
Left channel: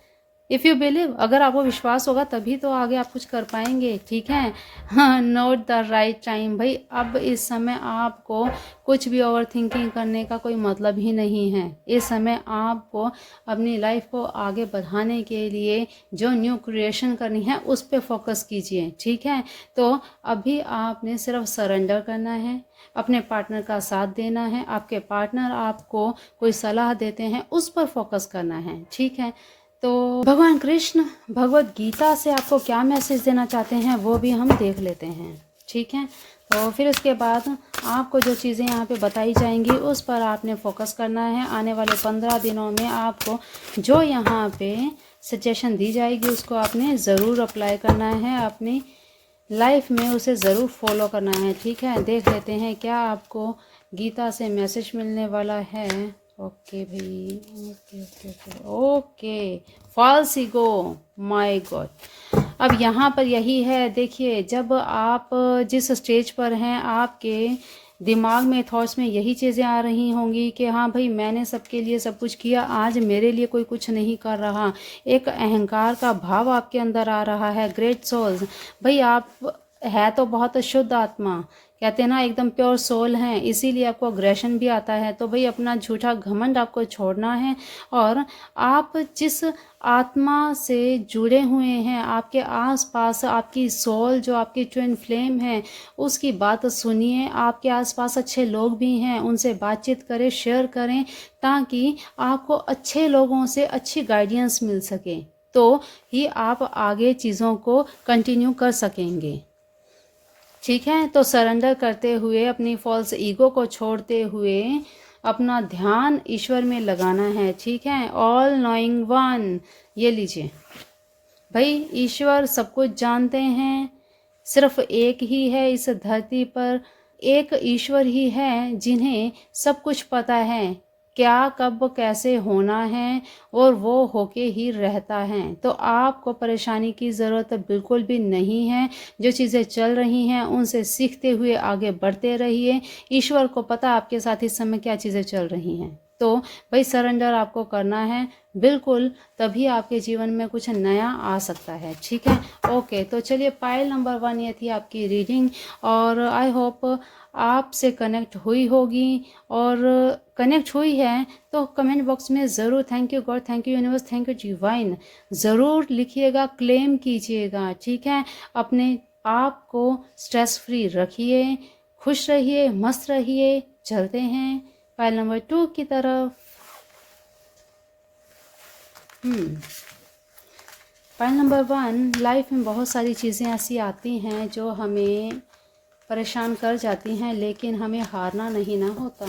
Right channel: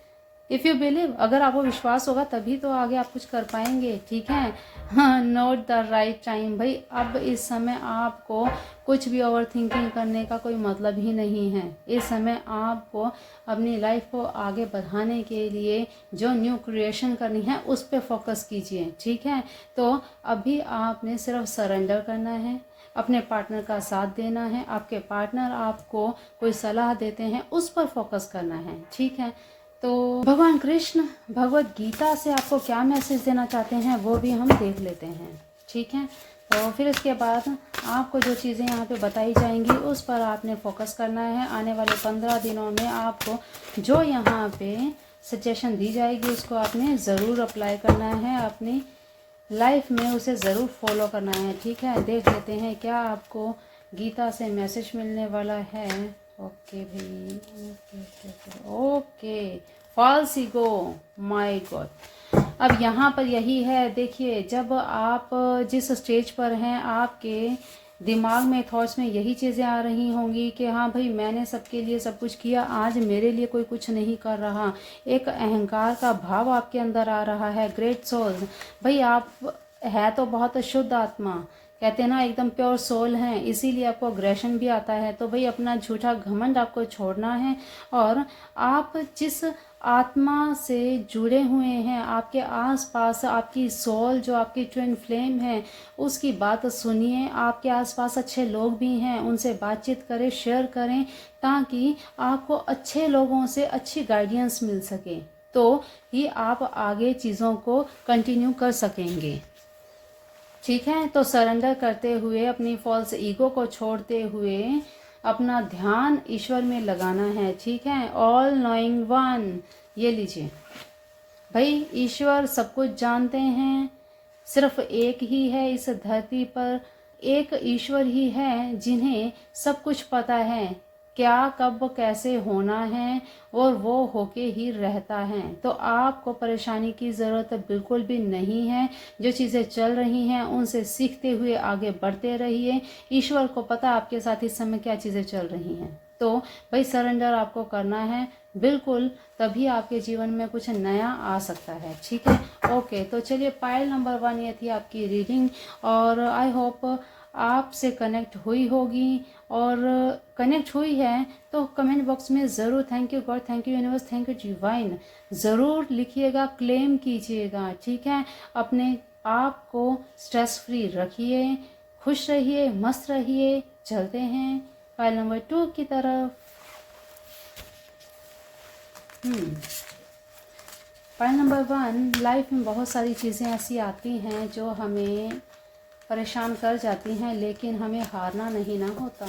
इफ़ यू बिलीव, अगर आपको विश्वास होगा तभी तो आगे आप कुछ कर पाएंगे। ठीक है, हाँ, नोट द राइट टाइम। भाई अब इस समय आपको कुछ भी ओवर थिंकिंग करने का कोई मतलब ही नहीं है। इस समय आपको अपनी लाइफ को आगे बढ़ाने के लिए जो न्यू क्रिएशन करनी है उस पर फोकस कीजिए। ठीक है, तो अभी आपने सिर्फ सरेंडर करना है, अपने पार्टनर का साथ देना है। आपके पार्टनर आपको कोई सलाह देते हैं उस पर फोकस करना है। ठीक है, तो भगवान कृष्ण भगवत गीता से आपको क्या मैसेज देना चाहते हैं वो भी हम देख लेते हैं। ठीक है, तो फिर उसके बाद आपको जो चीज़ें यहाँ पे बताई जाएंगी उस पर आपने फोकस करना है। आने वाले 15 दिनों में आपको जो यहाँ पे सजेशन दी जाएगी उसको आपने ज़रूर अप्लाई करना है, अपनी लाइफ में उसे ज़रूर फॉलो करना है। ठीक है, देख लेते हैं क्या आपको गीता से मैसेज मिलने वाला है। ओके भाई, okay, false ego, my God. अब यहाँ पर यही है, देखिए, जब आप जिस स्टेज पर हैं आपके दिमाग में, थॉट्स में यही चीज़ें आ रही होंगी कि हाँ भाई मैंने सबके लिए सब कुछ किया, आज मेरे लिए कोई कुछ नहीं कर रहा। एक अहंकार का भाव आपके अंदर आ रहा है। ग्रेट सोल्स, भाई आप है तो बहुत शुद्ध आत्मा, कहते हैं ना एकदम प्योर सोल हैं, इसीलिए आपको अग्रेशन भी आता है। तो भाई अपना झूठा घमंड आपको छोड़ना है और आप जिस आत्मा से जुड़े हुए हैं, आपके आसपास आपकी सोल जो आपकी ट्विन फ्लेम है, उसकी बात सुनिए। आपके आसपास अच्छे लोग भी हैं, उनसे बातचीत करें, शेयर करें, ताकि आपको अच्छे लोगों से अच्छी गाइडेंस मिल सके, तो ही आप आगे चीज़ों को कंटिन्यू कर सकेंगे। ठीक है, तो सरेंडर करते हुए, अपनी फॉल्स ईगो को छोड़ते हुए अपना ध्यान ईश्वर में लगाना है। ठीक है, ऑल नोइंग वन, ये लीजिए भाई, ईश्वर सब कुछ जानते हैं। सिर्फ एक ही है इस धरती पर, एक ईश्वर ही है जिन्हें सब कुछ पता है, क्या कब कैसे होना है, और वो होके ही रहता है। तो आपको परेशानी की ज़रूरत बिल्कुल भी नहीं है। जो चीज़ें चल रही हैं उनसे सीखते हुए आगे बढ़ते रहिए। ईश्वर को पता आपके साथ इस समय क्या चीज़ें चल रही हैं। तो भाई सरेंडर आपको करना है बिल्कुल, तभी आपके जीवन में कुछ नया आ सकता है। ठीक है, ओके। तो चलिए, पायल नंबर 1 ये थी आपकी रीडिंग, और आई होप आपसे कनेक्ट हुई होगी, और कनेक्ट हुई है तो कमेंट बॉक्स में ज़रूर thank you God, thank you universe, thank you divine ज़रूर लिखिएगा, क्लेम कीजिएगा। ठीक है, अपने आप को स्ट्रेस फ्री रखिए, खुश रहिए, मस्त रहिए। चलते हैं पायल नंबर 2 की तरफ। पायल नंबर 1, लाइफ में बहुत सारी चीज़ें ऐसी आती हैं जो हमें परेशान कर जाती हैं, लेकिन हमें हारना नहीं ना होता।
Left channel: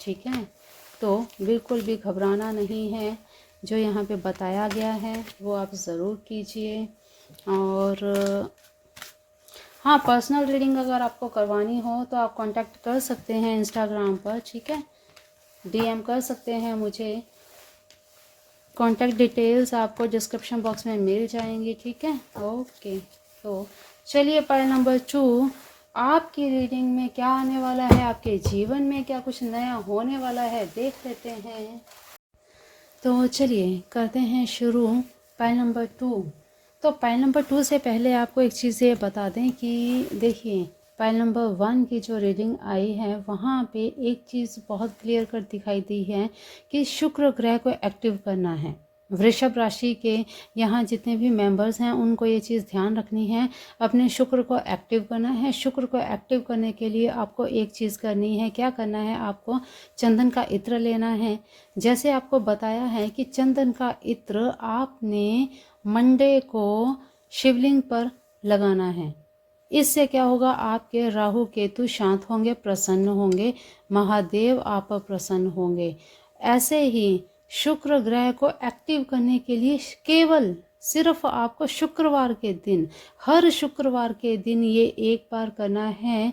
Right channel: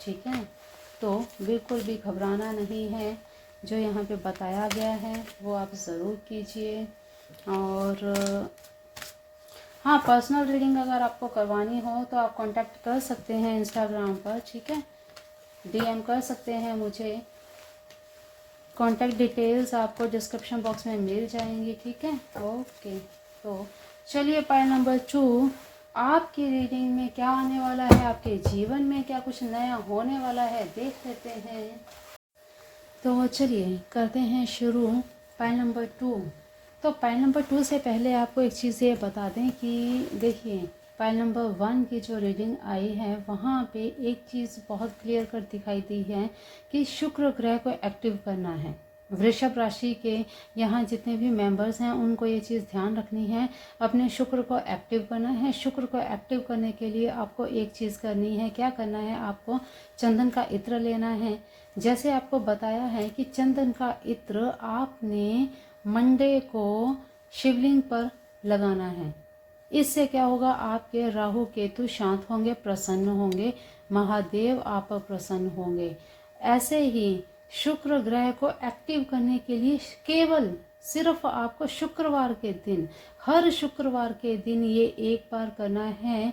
ठीक है, तो बिल्कुल भी घबराना नहीं है। जो यहाँ पे बताया गया है वो आप ज़रूर कीजिए। और हाँ, पर्सनल रीडिंग अगर आपको करवानी हो तो आप कांटेक्ट कर सकते हैं इंस्टाग्राम पर। ठीक है, डीएम कर सकते हैं मुझे, कॉन्टैक्ट डिटेल्स आपको डिस्क्रिप्शन बॉक्स में मिल जाएंगी। ठीक है, ओके। तो चलिए, पायल नंबर 2, आपकी रीडिंग में क्या आने वाला है, आपके जीवन में क्या कुछ नया होने वाला है, देख लेते हैं। तो चलिए करते हैं शुरू। पायल नंबर 2, तो पायल नंबर 2 से पहले आपको एक चीज़ ये बता दें कि देखिए, पायल नंबर 1 की जो रीडिंग आई है वहाँ पे एक चीज़ बहुत क्लियर कर दिखाई दी है कि शुक्र ग्रह को एक्टिव करना है। वृषभ राशि के यहाँ जितने भी मेंबर्स हैं उनको ये चीज़ ध्यान रखनी है, अपने शुक्र को एक्टिव करना है। शुक्र को एक्टिव करने के लिए आपको एक चीज़ करनी है, क्या करना है, आपको चंदन का इत्र लेना है। जैसे आपको बताया है कि चंदन का इत्र आपने मंडे को शिवलिंग पर लगाना है। इससे क्या होगा, आपके राहु केतु शांत होंगे, प्रसन्न होंगे, महादेव आप पर प्रसन्न होंगे। ऐसे ही शुक्र ग्रह को एक्टिव करने के लिए केवल सिर्फ आपको शुक्रवार के दिन, हर शुक्रवार के दिन ये एक बार करना है।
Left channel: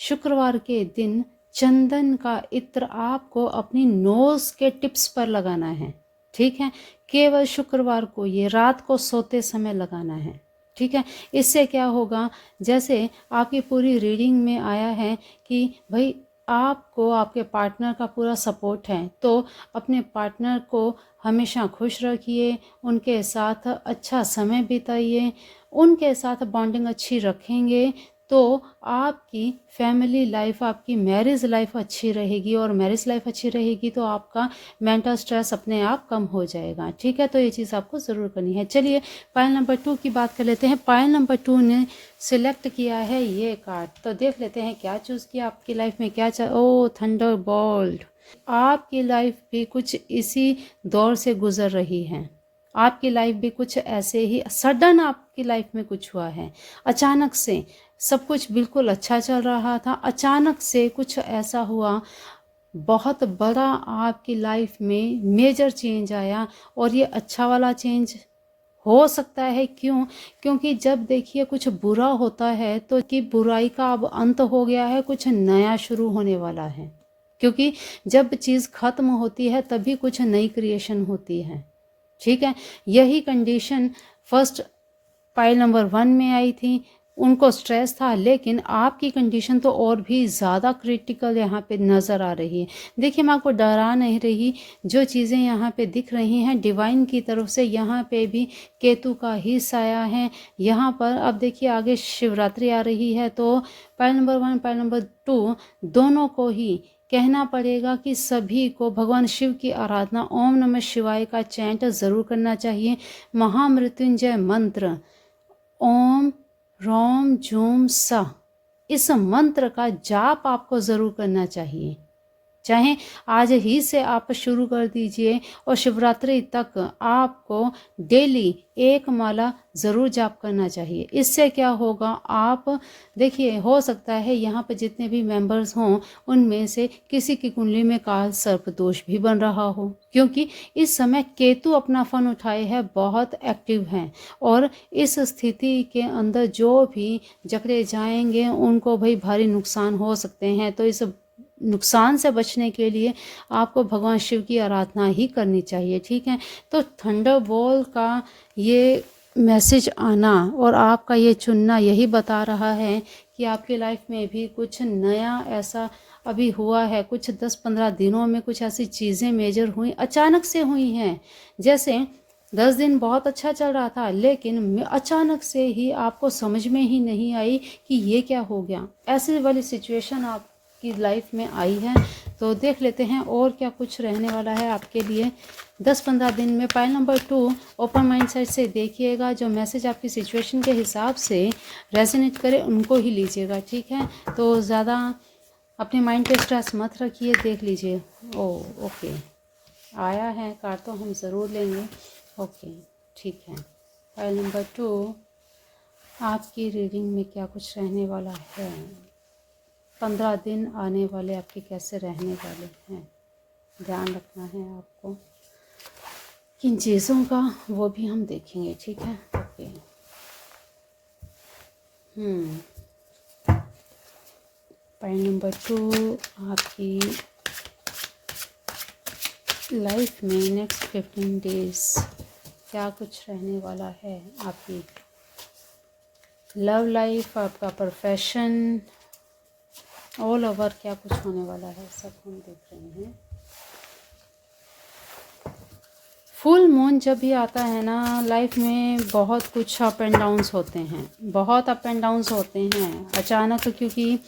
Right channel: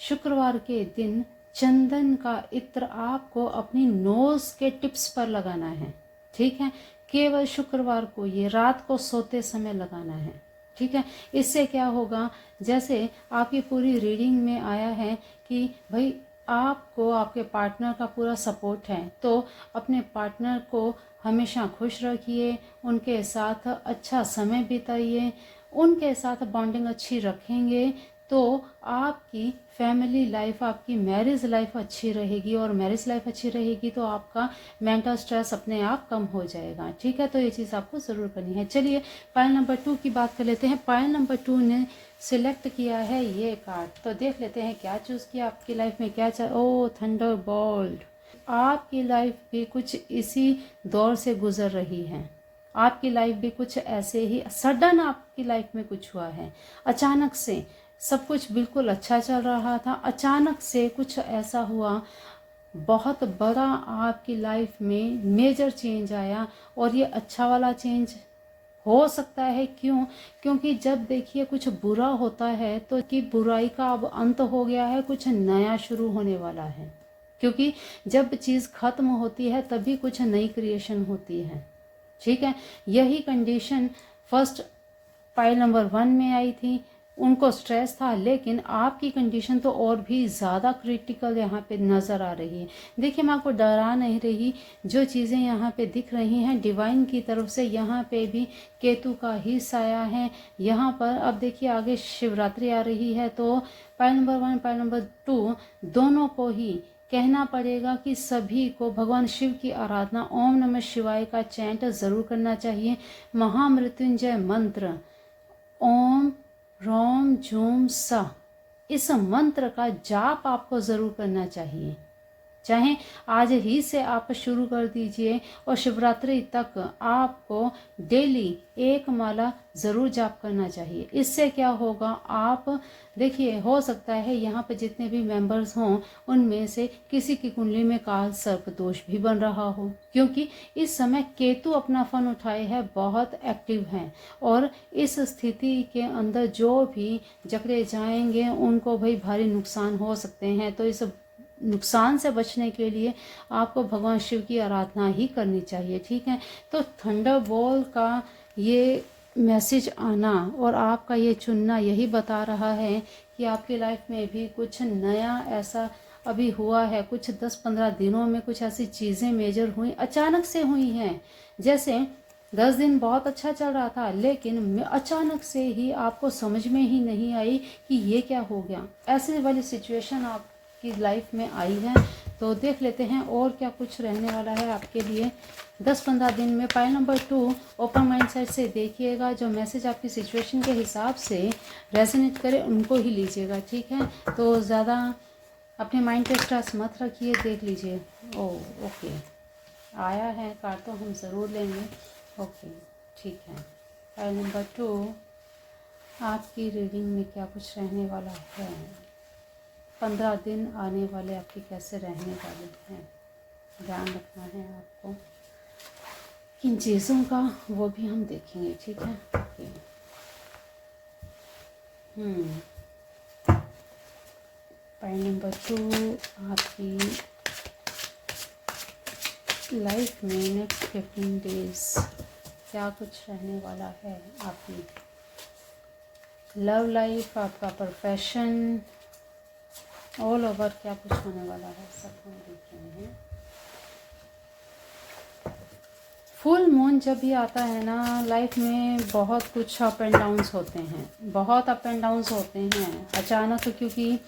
शुक्रवार के दिन चंदन का इत्र आपको अपनी नोज के टिप्स पर लगाना है। ठीक है, केवल शुक्रवार को, ये रात को सोते समय लगाना है। ठीक है, इससे क्या होगा, जैसे आपकी पूरी रीडिंग में आया है कि भाई आपको आपके पार्टनर का पूरा सपोर्ट है, तो अपने पार्टनर को हमेशा खुश रखिए, उनके साथ अच्छा समय बिताइए, उनके साथ बॉन्डिंग अच्छी रखेंगे तो आपकी फैमिली लाइफ, आपकी मैरिज लाइफ अच्छी रहेगी, और मैरिज लाइफ अच्छी रहेगी तो आपका मेंटल स्ट्रेस अपने आप कम हो जाएगा। ठीक है, तो ये चीज़ आपको ज़रूर करनी है। चलिए पायल नंबर 2 की बात कर लेते हैं। पायल नंबर 2 ने सिलेक्ट किया है ये कार्ड, तो देख लेते हैं क्या चूज़ किया, आपकी लाइफ में क्या ओ थंडरबोल्ट। आपकी लाइफ भी कुछ इसी दौर से गुजर रही है। आपकी लाइफ भी कुछ ऐसे ही सडन आपकी लाइफ में कुछ हुआ है, अचानक से सब कुछ बिल्कुल अच्छा चल रहा था, अचानक से कुछ ऐसा हुआ, बहुत बड़ा आपकी लाइफ में मेजर चेंज आया, और ये अच्छा वाला चेंज हो सकता है। क्यों? क्योंकि जब देखिए कुछ बुरा होता है तो कि बुराई का अब अंत हो गया है, कुछ नया शुरू होने वाला है। क्योंकि जब चीज़ खत्म होती है तभी कुछ नई क्रिएशन होती है। ठीक है, यही कंडीशन फर्स्ट पाइल नंबर 1 में आई थी, उनको स्ट्रेस था, लेकिन आपकी कंडीशन तो और भी ज़्यादा क्रिटिकल यहाँ पे नज़र आ रही है। देखिए मैं आपको डरा नहीं रही, जो चीज़ें यहाँ पे दिख रही हैं डिवाइन की तरफ से, यहाँ पे भी केतु का ही साया है यहाँ पर। अब देखिए आगे शिवरात्रि आ रही है, तो पॉइंट नंबर 1 पॉइंट नंबर 2 दोनों को ही कहना पड़ेगा कि सभी को भगवान शिव की आराधना ओम नमः शिवाय का चैंट ज़रूर करना चाहिए। महामृत्युंजय मंत्र ओम रोम जूम सा, इस मंत्र का जाप आपको ज़रूर करना चाहिए। चाहे आज ही से आप शुरू कर दीजिए और शिवरात्रि तक आपको डेली एक माला ज़रूर जाप करना चाहिए। इससे क्या होगा, आप देखिए हो सकता है यहाँ पर जितने भी मेंबर्स हों उनमें से किसी की कुंडली में काल सर्प दोष भी बन रहा हो, क्योंकि इस समय केतु अपना फन उठाए है, बहुत एक्टिव हैं और इस स्थिति के अंदर जो भी जकड़े जाएंगे उनको भाई भारी नुकसान हो सकते हैं। तो इस नुकसान से बचने के लिए आपको भगवान शिव की आराधना ही करनी चाहिए, ठीक है। तो थंडरबोल्ट का ये मैसेज आना और आपका ये चुनना यही बता रहा है कि आपकी लाइफ में भी कुछ नया ऐसा अभी हुआ है, कुछ 10-15 दिनों में कुछ ऐसी चीज़ें मेजर हुई, अचानक से हुई हैं। जैसे 10 दिन बहुत अच्छा चल रहा था, लेकिन अचानक से ही आपको समझ में ही नहीं आई कि ये क्या हो गया। ऐसे वाली सिचुएशन आपकी लाइफ में आई है। तो देख लेते हैं और क्या कुछ रहने वाला है आपके लिए 10-15 दिन में। Pile number 2 open mind set से देखिएगा, जो मैसेज आपकी सिचुएशन के हिसाब से रेजोनेट करे उनको ही लीजिएगा, ठीक है। तो ज़्यादा अपने माइंड पे स्ट्रेस मत रखिए, देख लीजिए। ओके आया है कार्ड तो हम ज़रूर लेंगे। ओके ठीक है। फाइल नंबर 2 आपकी रीडिंग में क्या कुछ रहने वाला है, 15 दिन आने वाले आपके कैसे रहने वाले हैं, ध्यान रखना है आपको किन चीज़ों का, वो भी हम देखेंगे, ठीक है। ओके पॉइंट नंबर 2 आपकी लाइफ में नेक्स्ट 15 डेज क्या कुछ रहने वाला है, आपकी लव लाइफ, आपका प्रोफेशन, ऑल ओवर क्या कुछ होने वाला है, सब हम देख रहे हैं। फुल मून जब भी आता है ना लाइफ में बहुत कुछ अप एंड डाउन्स होते हैं, बहुत अप एंड डाउन्स होते हैं अचानक, क्योंकि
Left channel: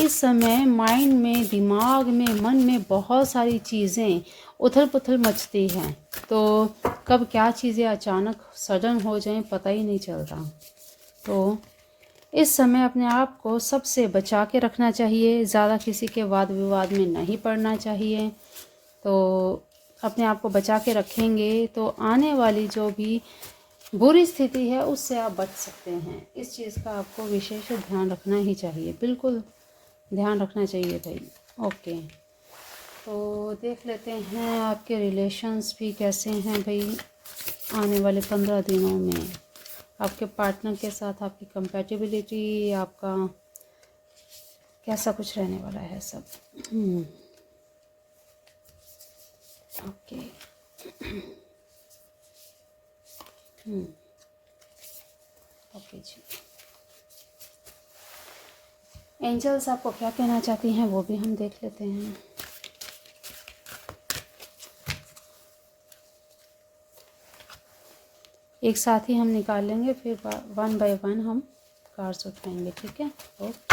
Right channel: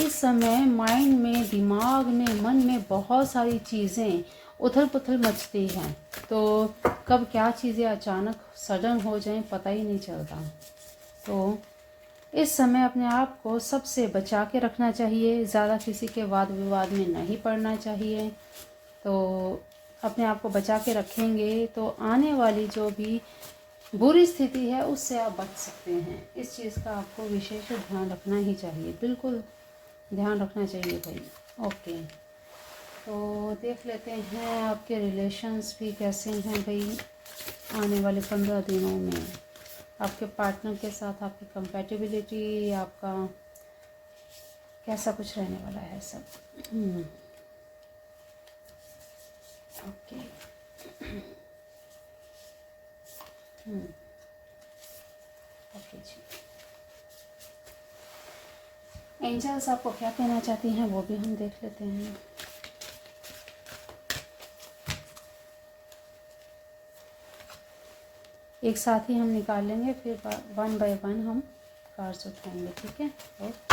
इस समय माइंड में, दिमाग में, मन में बहुत सारी चीज़ें उथल पुथल मचती हैं। तो कब क्या चीज़ें अचानक सडन हो जाएं पता ही नहीं चलता। तो इस समय अपने आप को सबसे बचा के रखना चाहिए, ज़्यादा किसी के वाद विवाद में नहीं पड़ना चाहिए। तो अपने आप को बचा के रखेंगे तो आने वाली जो भी बुरी स्थिति है उससे आप बच सकते हैं। इस चीज़ का आपको विशेष ध्यान रखना ही चाहिए, बिल्कुल ध्यान रखना चाहिए भाई। ओके तो देख लेते हैं आपके रिलेशंस भी कैसे हैं भाई आने वाले 15 दिनों में, आपके पार्टनर के साथ आपकी कंपैटिबिलिटी, आपका कैसा कुछ रहने वाला है सब। ओके ओके जी, एंजल्स आपको क्या कहना चाहती हैं वो भी हम देख लेते हैं। एक साथ ही हम निकाल लेंगे, फिर 1 बाय 1 हम कार्ड्स उठाएंगे, ठीक है। ओके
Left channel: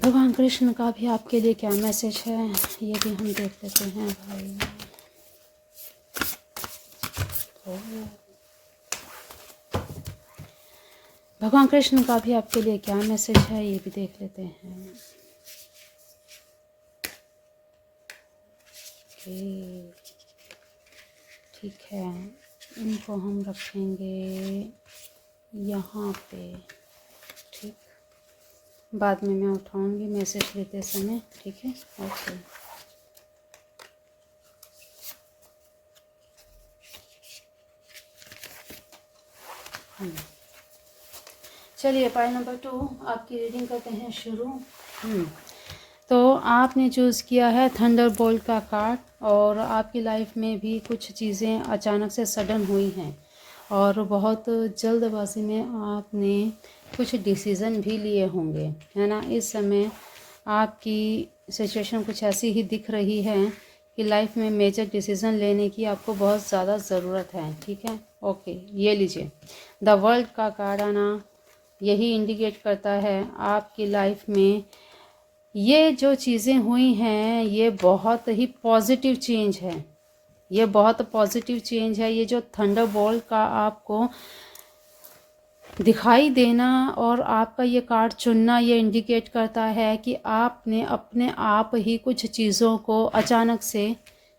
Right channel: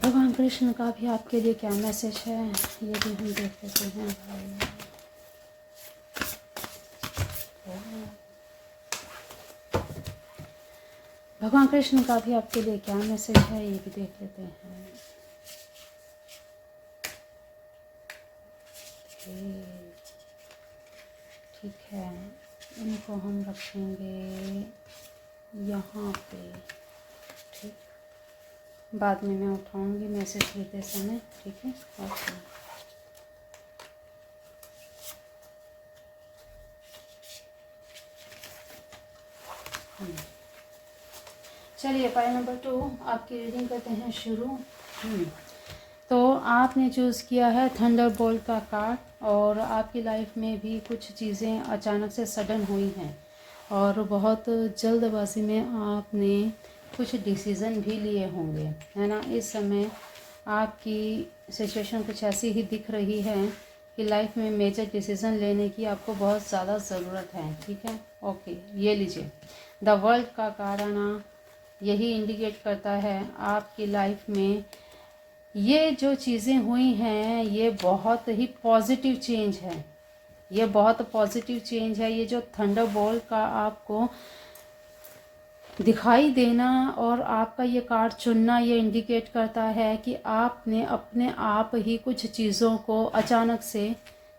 भगवान कृष्ण का भी आपके लिए क्या मैसेज है ये भी हम देख लेते हैं भाई। भगवान कृष्ण का भी आपके लिए क्या मैसेज है ये भी देख लेते हैं। ठीक है, इनको हम रखेंगे यहाँ पे, ठीक, बाद में मैं उठाऊंगी मैसेज लेते समय, ठीक है। ओके चलिए पाई नंबर 2 आपकी रीडिंग करते हैं शुरू। तो आपने चूज़ किया है थंडरबोल्ट का कार्ड और आपकी लाइफ में भी कुछ चीज़ें अचानक से सडन हुई हैं और बहुत जल्दबाजी में आपने कुछ डिसीज़न भी लिए होंगे, है ना। इस समय आपकी सिचुएशन कुछ ऐसी ही दिख रही है कि लाइफ में मेजर डिसीज़न लेने की आपको बहुत ज़्यादा ज़रूरत है, ठीक है। ओके, ये लीजिए, द वर्ल्ड का कार्ड आना यही इंडिकेट करता है आपकी लाइफ में ये जो चीज़ें हुई हैं ये बहुत ही पॉजिटिव चेंज है, ये बहुत पॉजिटिव चेंज है। ये जो थंडरबोल्ट का आपको दिखाई देना और आपका ये कार्ड चुनना ये इंडिकेट करता है कि आपने अपने आप ही कुछ चीज़ों को अचानक से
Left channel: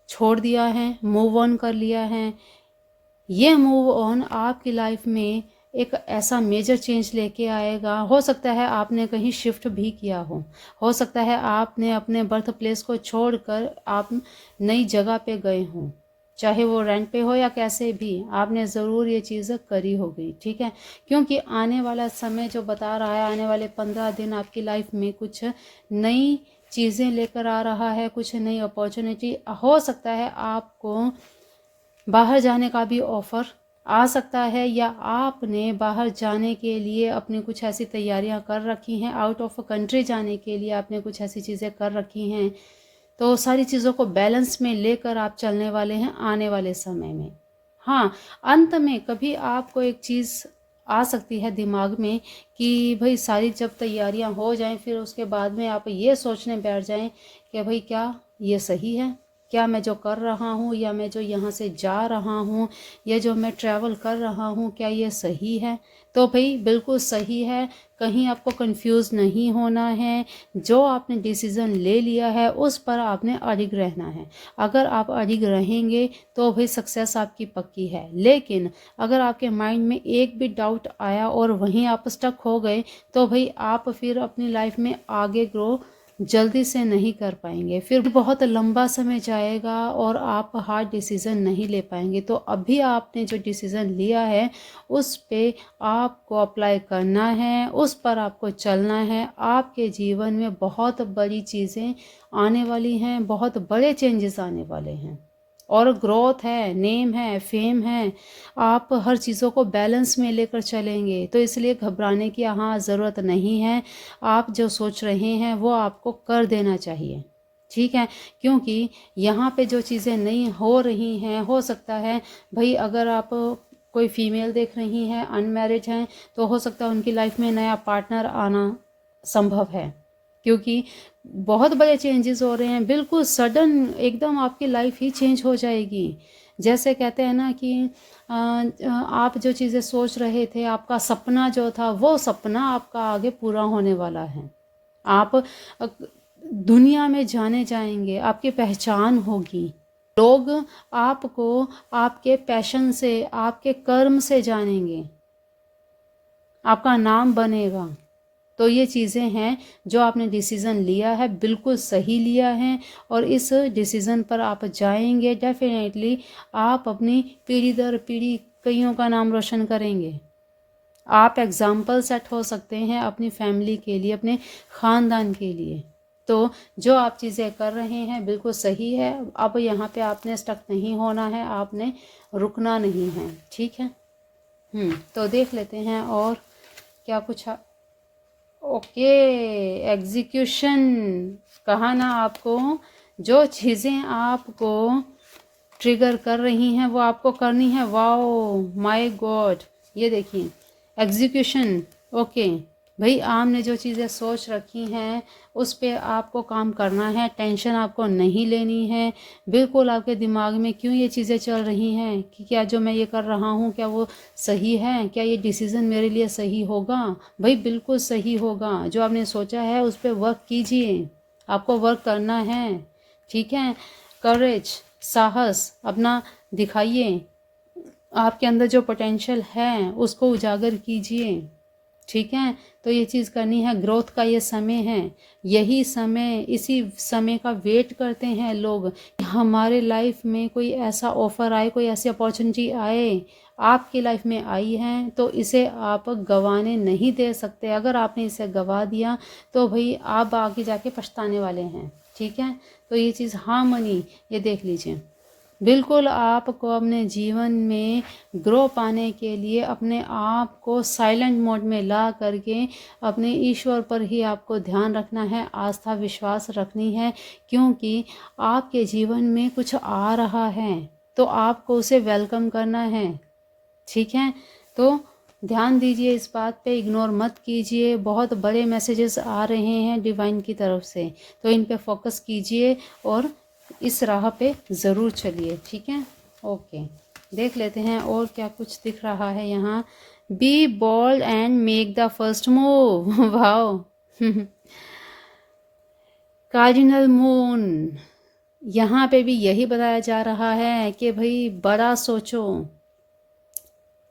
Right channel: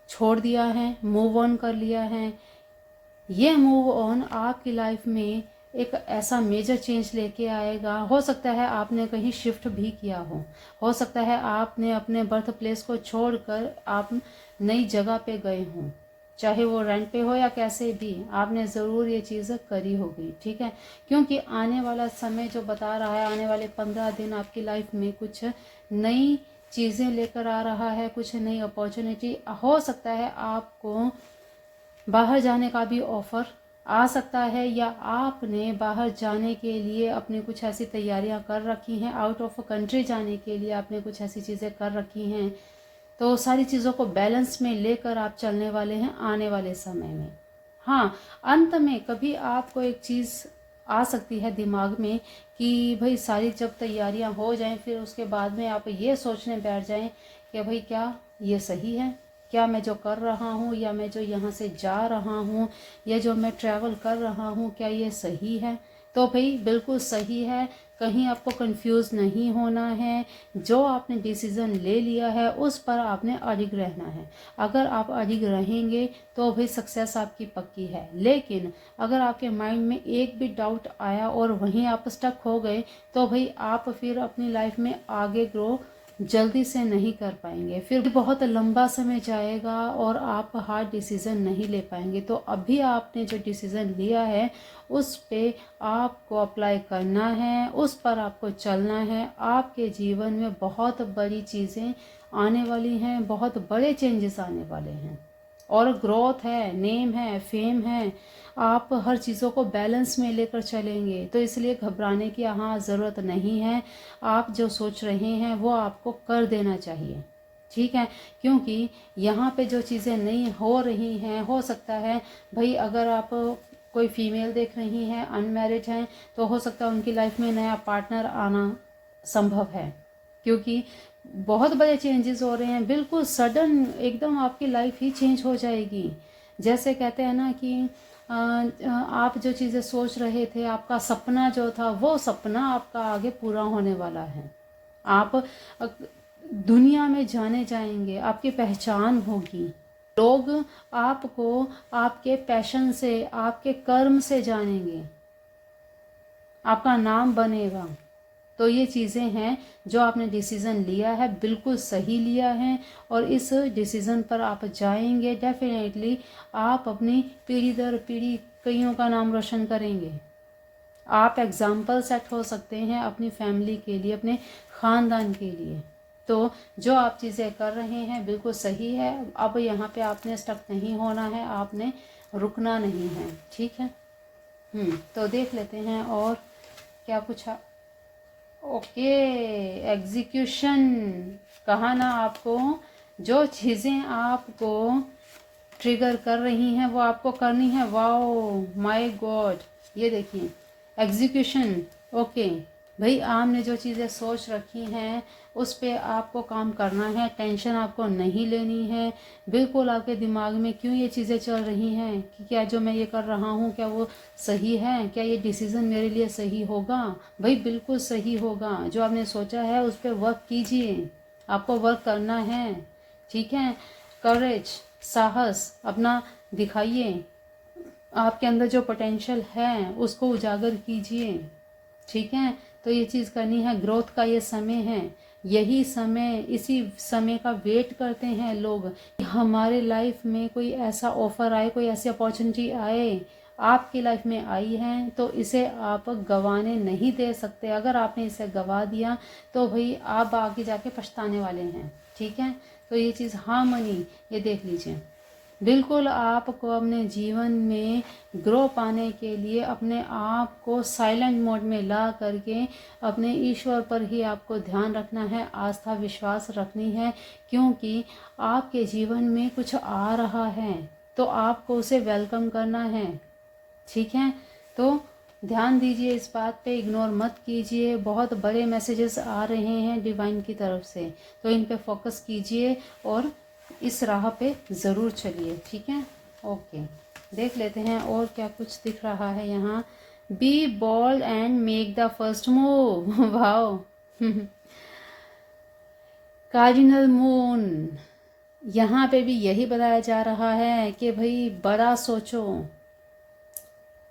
छोड़ दिया है, मूव ऑन कर लिया है। ये मूव ऑन आपकी लाइफ में एक ऐसा मेजर चेंज लेके आएगा। हो सकता है आपने कहीं शिफ्ट भी किया हो सकता है आपने अपने बर्थ प्लेस को छोड़कर आप नई जगह पे गए हों, चाहे वो रेंट पे हो या कैसे भी, आपने ज़रूर ये चीज़ करी होगी, ठीक है। क्योंकि आने वाला समय जो बता रहा है, आने वाले 15 दिन आपकी लाइफ में कुछ नई चीज़ें लेकर आ रहा है, कुछ नई अपॉर्चुनिटी। हो सकता है आपको बाहर जाने का भी ऑफ़र आ सकता है या आपने बाहर जाने के लिए अपनी कुछ ऐसी तैयारियां कर रखी हैं, आउट ऑफ कंट्री जाने के लिए आपने कुछ ऐसी चीज़ें कर रखी हैं। तो सारी चीज़ों को बैलेंस में लेकर आप चलने वाले हैं आने वाले समय में। हाँ, अंत में कभी आपको एक चीज़ आ सकती है दिमाग में कि भाई सारी जब तैयारियां हो जाएं फिर उसके बाद में आप ये सोचने बैठ जाएं कि भाई क्या ये सही है, क्या मैं जो कर रहा हूँ या मैं जो यहाँ से जा रहा हूँ या जो मैं ट्रैवल कर रहा हूँ क्या ये सही है। तो भाई बिल्कुल सही है, कहीं आपको कंफ्यूज नहीं होना है। जो आपने डिसीज़न ले लिया है उस पर आपने अडिग रहना है। अगर आप अडिग रहेंगे तो भाई सक्सेस आपकी पक्की है। लेकिन अगर आपके माइंड में एक भी डाउट आया और वहीं आप स्टक हो गए तो भाई आप फिर अपनी लाइफ में आगे ग्रो जल्दी से नहीं कर पाएंगे, फिर बहुत लंबा समय जाएगा और आप हार्ड डिसीज़न नहीं ले पाएंगे। तो अभी आपने जो डिसीज़न लिया है उस पे आपको अप्लाई करना है, उस पर आपको चलना है। आपके जीवन में बहुत बड़ी चीज़ें आने वाली हैं, बहुत बड़े चेंजेस आने वाले हैं और ग्रोथ है, नेम है, फेम है। आप हर चीज़ों को बैलेंस में लेकर चलेंगे तो इसलिए घबराने की यहाँ ज़रूरत नहीं है। आप जो सोच रहे हैं वो आपको कर देना चाहिए, ठीक है। क्योंकि यहाँ पे जो चीज़ें नहीं हो रही हैं, हो सकता है भाई अगर आप कोई फीमेल देख रही हैं, अनमैरिड हैं, तो हो सकता है उनकी लाइफ में नया पार्टनर आना संभव है। क्योंकि बहुत बड़े चेंजेस हो रहे हैं, बिल्कुल सडन एकदम आपकी लाइफ ही चेंज हो जाएगी। जैसे कहते हैं ना कि आप जो चीज़ें सोच रहे थे, आपका सपना जो था वो सपना आपका आगे पूरा होने वाला है। आप दुनिया में जाने जाएंगे, आपकी पहचान होगी। लोग आपको आपके पैशन से, आपके कर्म से जानेंगे, आपका नाम बनेगा। तो ये चीज़ें हैं जो आपने डिसीज़न लिया है, बिल्कुल सही लिया है और इस डिसीज़न पर आप जाएंगे। डेफिनेटली आप अपनी पीढ़ी दर पीढ़ी कईयों का नाम रोशन करेंगे। आप एग्जाम्पल सेट हो सकते हैं अपनी फैमिली के लिए, अपने ख़ानदान के लिए। तो जो आप चीज़ें कर रहे हैं बिल्कुल सही है। अब यहाँ पे आपने स्टक नहीं होना है, आपने रुकना नहीं है, ठीक है। तो देख लेते हैं और क्या कुछ ओके, एग्जीक्यूशन कहा ना आपको। जो चीज़ें आपको ट्रिगर कर रही हैं वो आपको करनी है। वाओ माय गॉड, ये देखिए एग्जीक्यूशन। ओके भाई, आपने जो चीज़ें सोच रखी हैं उस पे आपको काम करना है, टेंशन आपको नहीं लेनी है। बिल्कुल आपके दिमाग में क्यों ये चीज़ें चल रही हैं कि क्या जो मैं ये कर रहा हूँ क्या वो सही है, क्या ये डिसीज़न मेरे लिए सही होगा। भाई बिल्कुल सही होगा। जो आपने सोचा है उस पर वर्क कीजिए, आपको वर्क करना है, ठीक है। करेज, साहस अपना दिखाइए, आपके अंदर जो पोटेंशियल है उसको उजागर कीजिए, ठीक है। तो ये चीज़ करनी है। ग्रोथ का ये समय है, यही समय, इसी समय का वेट करते हैं लोग कि हमारे लाइफ में कोई ऐसा ऑफर आए, कोई ऐसी अपॉर्चुनिटी आए, आपकी लाइफ में आई हैं तो इसे आप गंवाने नहीं दे सकते। अगर आपने इसे गंवा दिया तो भाई आप आगे जाके पछताने वाले हैं, ठीक है। तो ये चीज़ हार्मनी, ये देख लीजिए। बिल्कुल आपको अपने जीवन में ग्रो पाने के लिए अपने आप को साइलेंट मोड में ला करके अपने ईश्वर पर ही आपको ध्यान रखना है, आस्था विश्वास रखनी है, क्योंकि आपके जीवन में कुछ आ रहा है तो आपको उसे वेलकम करना है, ठीक है। तो ध्यान दीजिए इस बात पे, इग्नोर मत कीजिए। बहुत बड़े मैसेजेस आ रहे हैं डिवाइन की तरफ से, तो इन पे फोकस कीजिए और इस राह पे ज़रूर चलिए, ठीक है। ओके, देख लेते हैं और क्या कुछ दिख रहा है यहाँ। Be bold and make the first move. Wow. Cardinal moon, यहाँ पे भी यही बताया जा रहा है कि भाई बड़ा सोचो,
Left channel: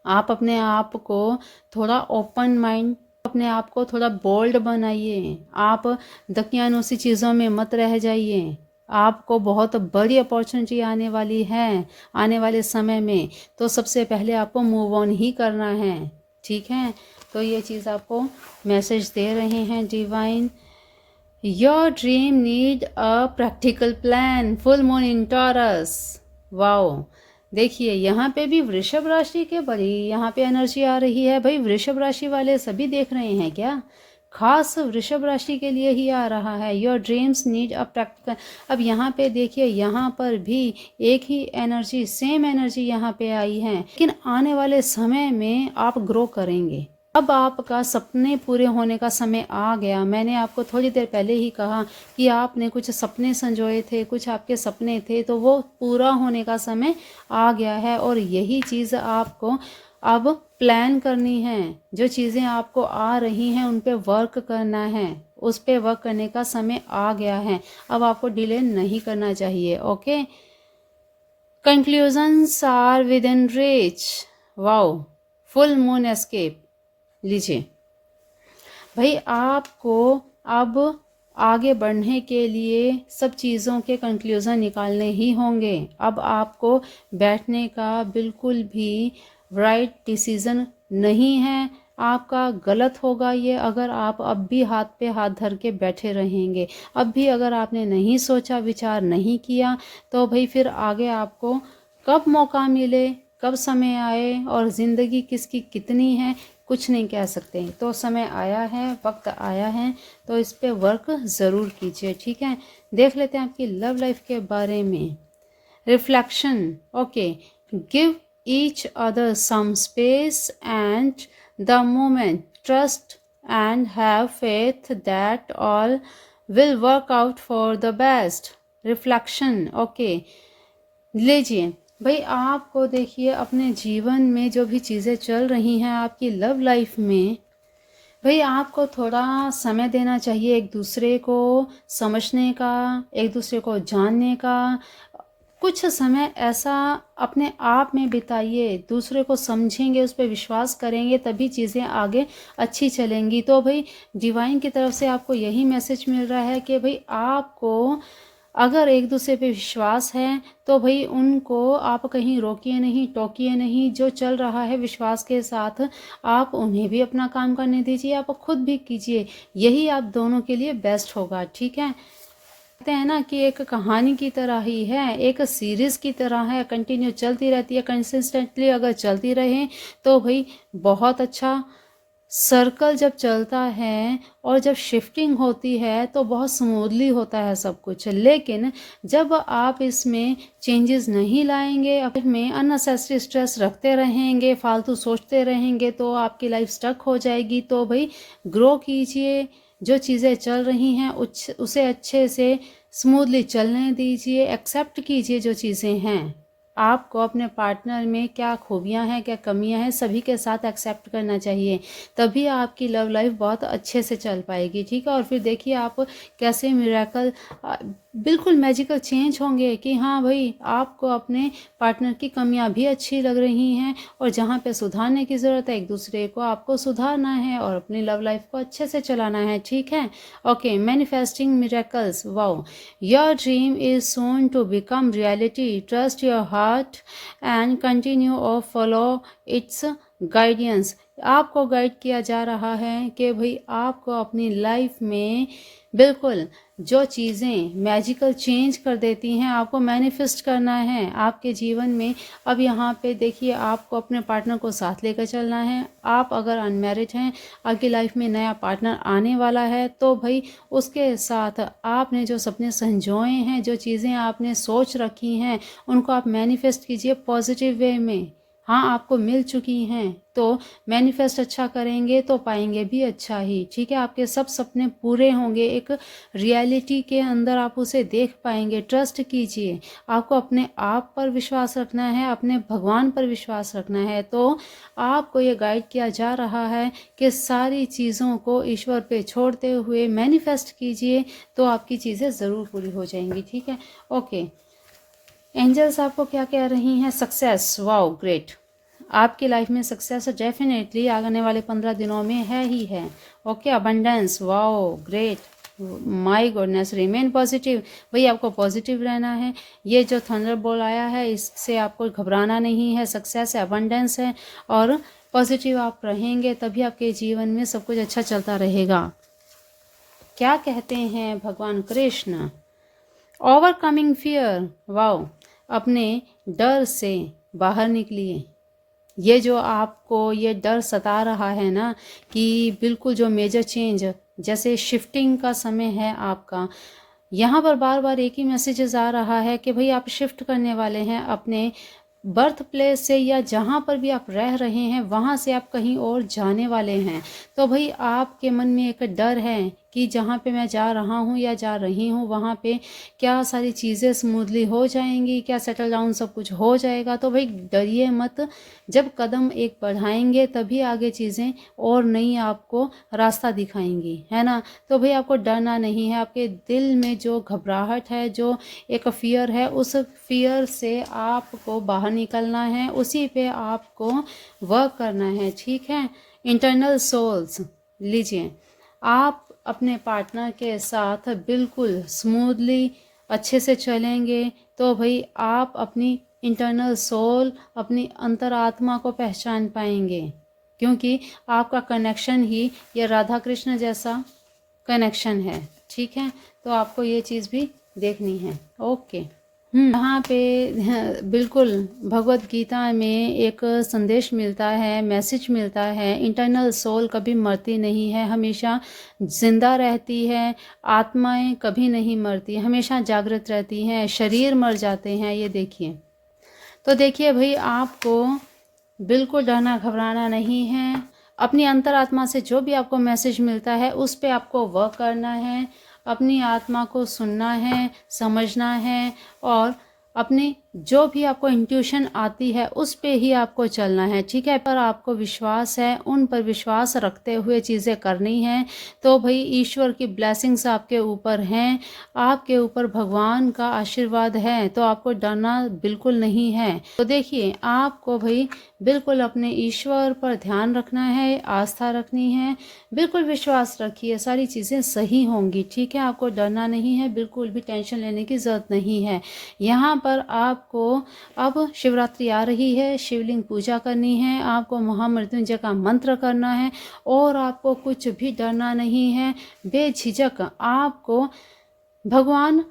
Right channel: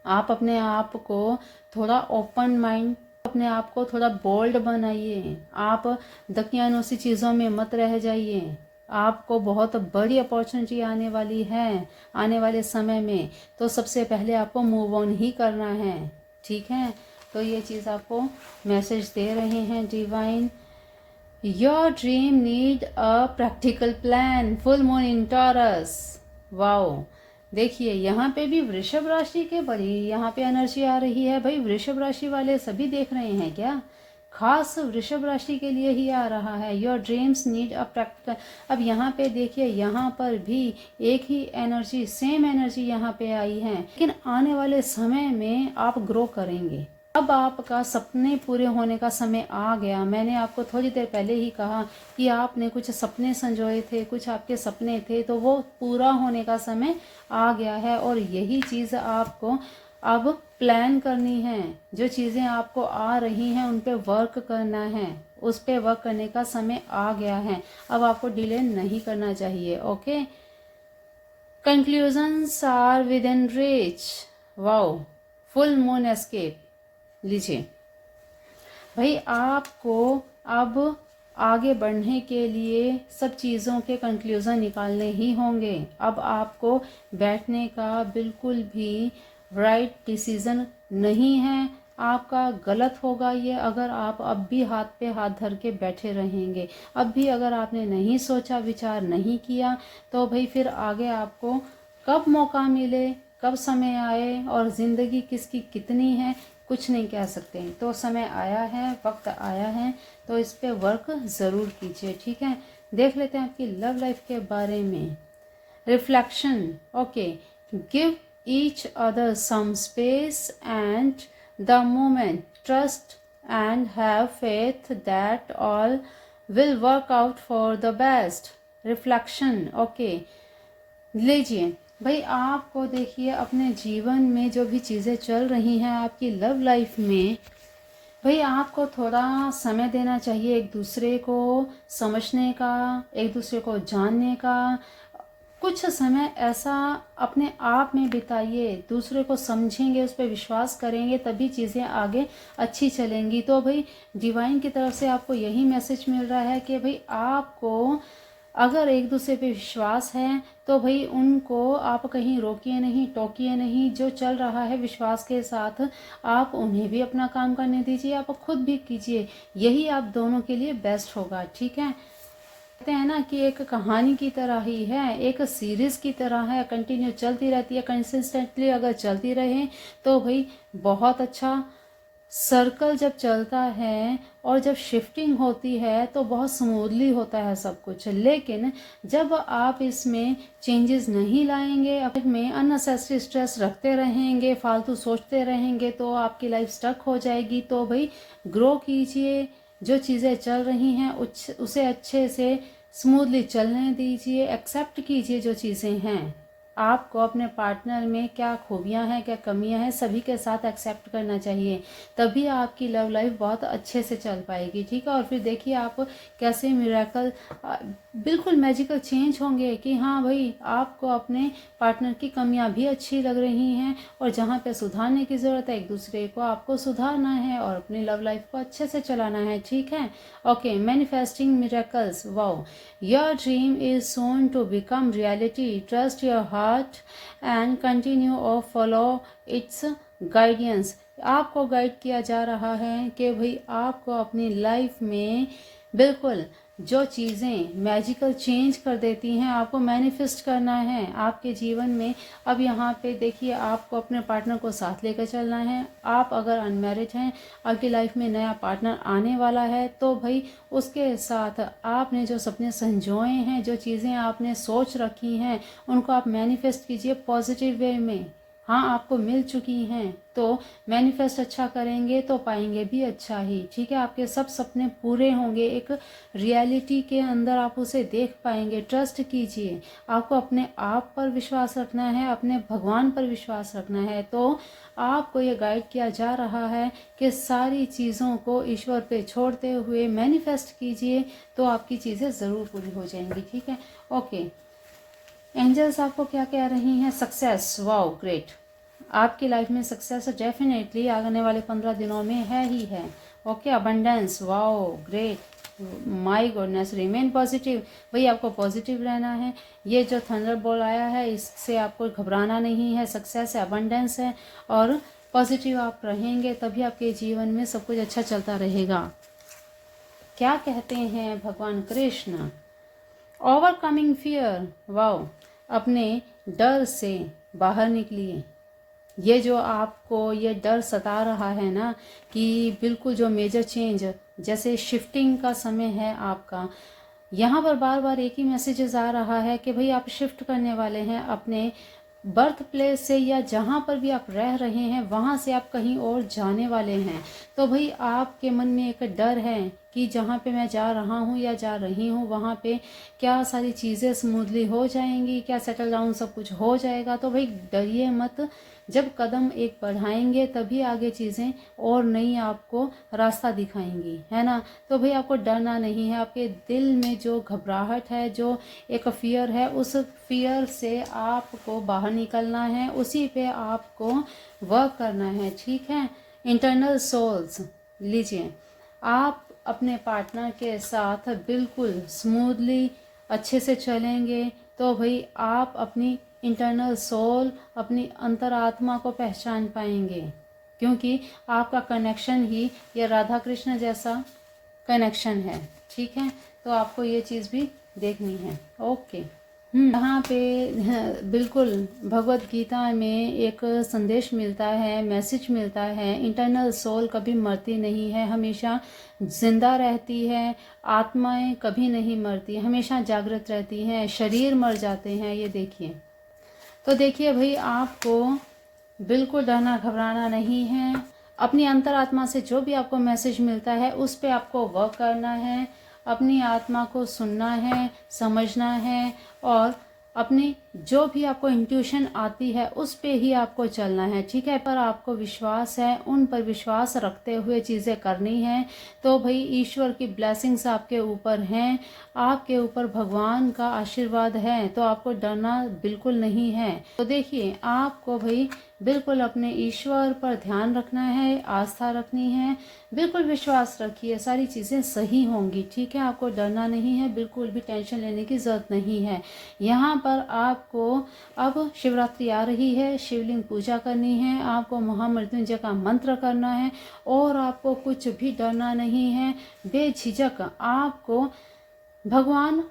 आप अपने आप को थोड़ा ओपन माइंड, अपने आप को थोड़ा बोल्ड बनाइए। आप दकियानूसी चीज़ों में मत रह जाइए। आपको बहुत बड़ी अपॉर्चुनिटी आने वाली है आने वाले समय में, तो सबसे पहले आपको मूव ऑन ही करना है, ठीक है। तो ये चीज़ आपको मैसेज दे रहे हैं divine. Your dream need a practical plan, full moon in taurus. Wow, देखिए यहाँ पे भी वृषभ राशि के बड़ी यहाँ पे एनर्जी आ रही है। भाई वृषभ राशि वाले सभी देख रहे हैं क्या? खास वृषभ राशि के लिए ही आ रहा है। Your dreams need a practical. अब यहाँ पे देखिए, यहाँ पर भी एक ही एनर्जी, सेम एनर्जी यहाँ पे आई है, लेकिन आने वाले समय में आप ग्रो करेंगे। अब आपका सपने पूरे होने का समय आ गया। मैंने आपको थोड़ी देर पहले ही कहा कि आपने कुछ सपने संजोए थे, कुछ आपके सपने थे, तो वो पूरा होने का समय आ गया है। और यही चीज़ आपको अब प्लान करनी है। जो चीज़ें आपको आ रही हैं उन पे वर्क करना है, उस पे वर्क करने का समय आ गया है। अब आपको डिले नहीं करना चाहिए। Okay, conclusions are within reach. Wow, full moon escape. लीजिए भाई, आपको अब आगे बढ़ने के लिए सब चीज़ों के कंक्लूज़न निकालने ही होंगे। अब आपको बैठने का बिल्कुल भी राइट डिसीज़न नहीं है, आपका गलत होगा ये अगर आप अब भी हाथ पे हाथ धर के बैठे रहेंगे। अब भी अगर आपने नहीं सोचा, विचार नहीं किया, तो भाई फिर आगे आपको कब मौका मिले, कब समय आए और ज़िंदगी किसकी कितनी है, कुछ नहीं कह सकते। तो समय आया है, वक्त आया है, तो इस पे वर्क ज़रूर कीजिए, ठीक है। देख लेते हैं आपकी लव लाइफ के बारे में। Reflection, okay, give each other some space and the moment, trust and have faith that all will work out for the best. Reflection, okay, लीजिए भाई, आपको देखिए अपने जीवन में जो भी चीज़ें चल रही हैं आपकी लव लाइफ में, भाई आपको थोड़ा समय देना चाहिए एक दूसरे को समझने का, एक दूसरे को जानने का। कुछ समय ऐसा अपने आप में बिताइए, दूसरे को समझेंगे, उस पर विश्वास करेंगे, तभी चीज़ें आगे अच्छी चलेंगी। तो भाई डिवाइन की तरफ से आपको यही मैसेज मिल रहा है कि भाई आपको अगर एक दूसरे पे विश्वास है तो भाई उनको आप कहीं रोकिए नहीं, टोकिए नहीं। जो चल रहा है विश्वास के साथ, आप उन्हें भी अपना काम करने दीजिए, आप खुद भी कीजिए। यही आप दोनों के लिए बेस्ट होगा, ठीक है। कहते हैं ना कि एक कहानी की तरह ही है, एक सीरीज़ की तरह है, कंटिन्यू चलती रहती है। कंसिस्टेंटली अगर चलती रहे तो भाई बहुत अच्छा। सर्कल जब चलता है और जब शिफ्टिंग होती है तो बहुत स्मूथली होता है सब कुछ, लेकिन जब आप इसमें चेंजेस नहीं लाएंगे, अपने अननेसेसरी स्ट्रेस रखते रहेंगे, फालतू सोचते रहेंगे, तो आपकी लाइफ स्टक हो जाएगी। तो भाई ग्रो कीजिए, जो चीज़ें चल रही हैं उसे अच्छे से स्मूथली चलने दीजिए, एक्सेप्ट कीजिए जो चीज़ें हैं। आपको अपने पार्टनर में क्या खूबियां हैं, क्या कमियां हैं, सभी के साथ एक्सेप्ट करना चाहिए, तभी आपकी लव लाइफ बहुत अच्छे से चल पाएगी, ठीक है। और फिर देखिए आप कैसे मिरेकल बिल्कुल मैजिकल चेंज होंगे कि हाँ भाई, आपको अपने पार्टनर की कमियां भी अच्छी लग रही हैं और जहाँ पे सुधारने की ज़रूरत है एक दूसरे को आपको सुधारना है और अपनी लव लाइफ को अच्छे से चलाना है, ठीक है। Okay, manifesting miracles, wow, your dream is soon to become reality, trust your heart and continue और फॉलो इट्स गाइडेंस। आपको गाइड किया जा रहा है कि भाई आपको अपनी लाइफ में बिल्कुल जो चीज़ें मैजिकल चेंज कर देती हैं आपको मैनिफेस्ट करना है आपके जीवन में। अब यहाँ पे देखिए, आपको अपने पार्टनर को साथ लेकर चलना है। आप अगर अनमैरिड हैं, आपकी लाइफ में नया पार्टनर आने वाला है, तो भाई उसके साथ आपने जो सपने संजोए हैं, जो चीज़ें आपने सोच रखी हैं, उनको आप मैनिफेस्ट कीजिए पॉजिटिव वे में। हाँ, आपको मिल चुकी हैं तो मैनिफेस्ट अच्छा करेंगे तो पाएंगे भी अच्छा ही, ठीक है। आपके सब सपने पूरे होंगे, एक रियलिटी के अंदर आप उसे देख पाएंगे। ट्रस्ट कीजिए, आपको अपने आप पर विश्वास रखना है, अपने भगवान पर विश्वास रखना है। तो आपको ये गाइड किया जा रहा है कि सारी चीज़ों को ईश्वर पे छोड़ते हुए मैनिफेस्ट कीजिए, तो आपकी चीज़ें ज़रूर पूरी हो जाएंगी, ठीक है। ओके, एंजल्स आपको क्या कह रही हैं? सक्सेस, वाओ ग्रेट, आपकी लाइफ में सक्सेस डेफिनेटली आने वाले 15 दिनों में है ही है। Okay, abundance, wow great, my goodness, remain positive, भाई आपको पॉजिटिव रहना है। ये जो थंडर बॉल आया है इससे आपको घबराना नहीं है। सक्सेस है, अबंडेंस है और पॉजिटिव आप रहेंगे तभी आपके जीवन में सब कुछ अच्छा चलता रहेगा। क्या कहते हैं भगवान कृष्ण? ओवरकमिंग फियर, वाओ, अपने डर से बाहर निकलिए। ये जो आपको ये डर सता रहा है ना कि बिल्कुल जो मेजर चेंज, जैसे शिफ्टिंग का समय है आपका, यहाँ पर बार बार एक ही मैसेजेस आ रहा है कि भाई आप शिफ्ट करने वाले हैं अपने बर्थ प्लेस से, या जहाँ पर भी आप रह रहे हैं वहाँ से आप कहीं और जाने वाले हैं। तो भाई आपके मन में एक डर है कि जहाँ पे मैं जा रहा हूँ या जा रही हूँ वहाँ पे क्या सारी चीज़ें स्मूथली हो जाएंगी, क्या सेटल डाउन सब कुछ हो जाएगा। तो भाई डरिए मत, जब कदम एक बढ़ाएंगे तभी आगे चीज़ें और नई आपको रास्ता दिखाएंगी, है ना। तो भाई आपको डरना नहीं है। आपके दिल में जो घबराहट है, जो एक फियर है, उस फियर से आपको बाहर निकलना है, उसी पे आपको वर्क करना है, ठीक है। इंटरनल सोल्स लीजिए, आप अपने पार्टनर के साथ बिल्कुल स्मूथली अच्छे से चलेंगे तो भाई आप अपनी इंटरनल सोल, अपनी अंतरात्मा को पहचान पाएंगे, क्योंकि आपका कनेक्शन ही ये राधा कृष्ण जैसा कनेक्शन है, ठीक है। तो आपको ये चीज़ भी देखनी है। ओके, यहाँ पे बिल्कुल भगवत गीता में एक संदेश मिलता है, मैसेज मिलता है, इंटरनल सोल कभी मरती नहीं है, हमेशा जिंदा रहती है। आत्माएं कभी नहीं मरती, हमेशा जागृत रहती हैं। शरीर मर जाते हैं, ये देखिए। तो देखिए भाई, आपको बिल्कुल डरना घबराना नहीं है। अपनी अंतरात्मा से जो भी आपको मैसेज मिलता है उस पर आपको वर्क करना है, अपनी आत्मा को सुनना है, समझना है और अपनी जो भी आपको इंट्यूशन आती है उस पे ही आपको चलना है, ठीक है। पर आपको विश्वास है, उन पर विश्वास रखते हुए चीज़ें करनी हैं। तो भाई ईश्वर की ब्लेसिंग्स आपके ऊपर हैं, आपके ऊपर भगवान का आशीर्वाद है, तो आपको डरना बिल्कुल नहीं है। तो देखिए, आपको भाई बिल्कुल अपने ईश्वर पर ध्यान रखना है, आस्था रखनी है, बिल्कुल विश्वास रखिए, सारी चीज़ें सही होंगी, ठीक है। आपको डरना नहीं है, बिल्कुल भी टेंशन लेने की ज़रूरत नहीं है। यहाँ पर आपको अब शिवरात्रि आ रही है, शिवलिंग पूजा करनी है, आपको महामृत्युंजय का मंत्र करना है और आपको कुछ भी डरना नहीं है। बेझिझक आपको भगवान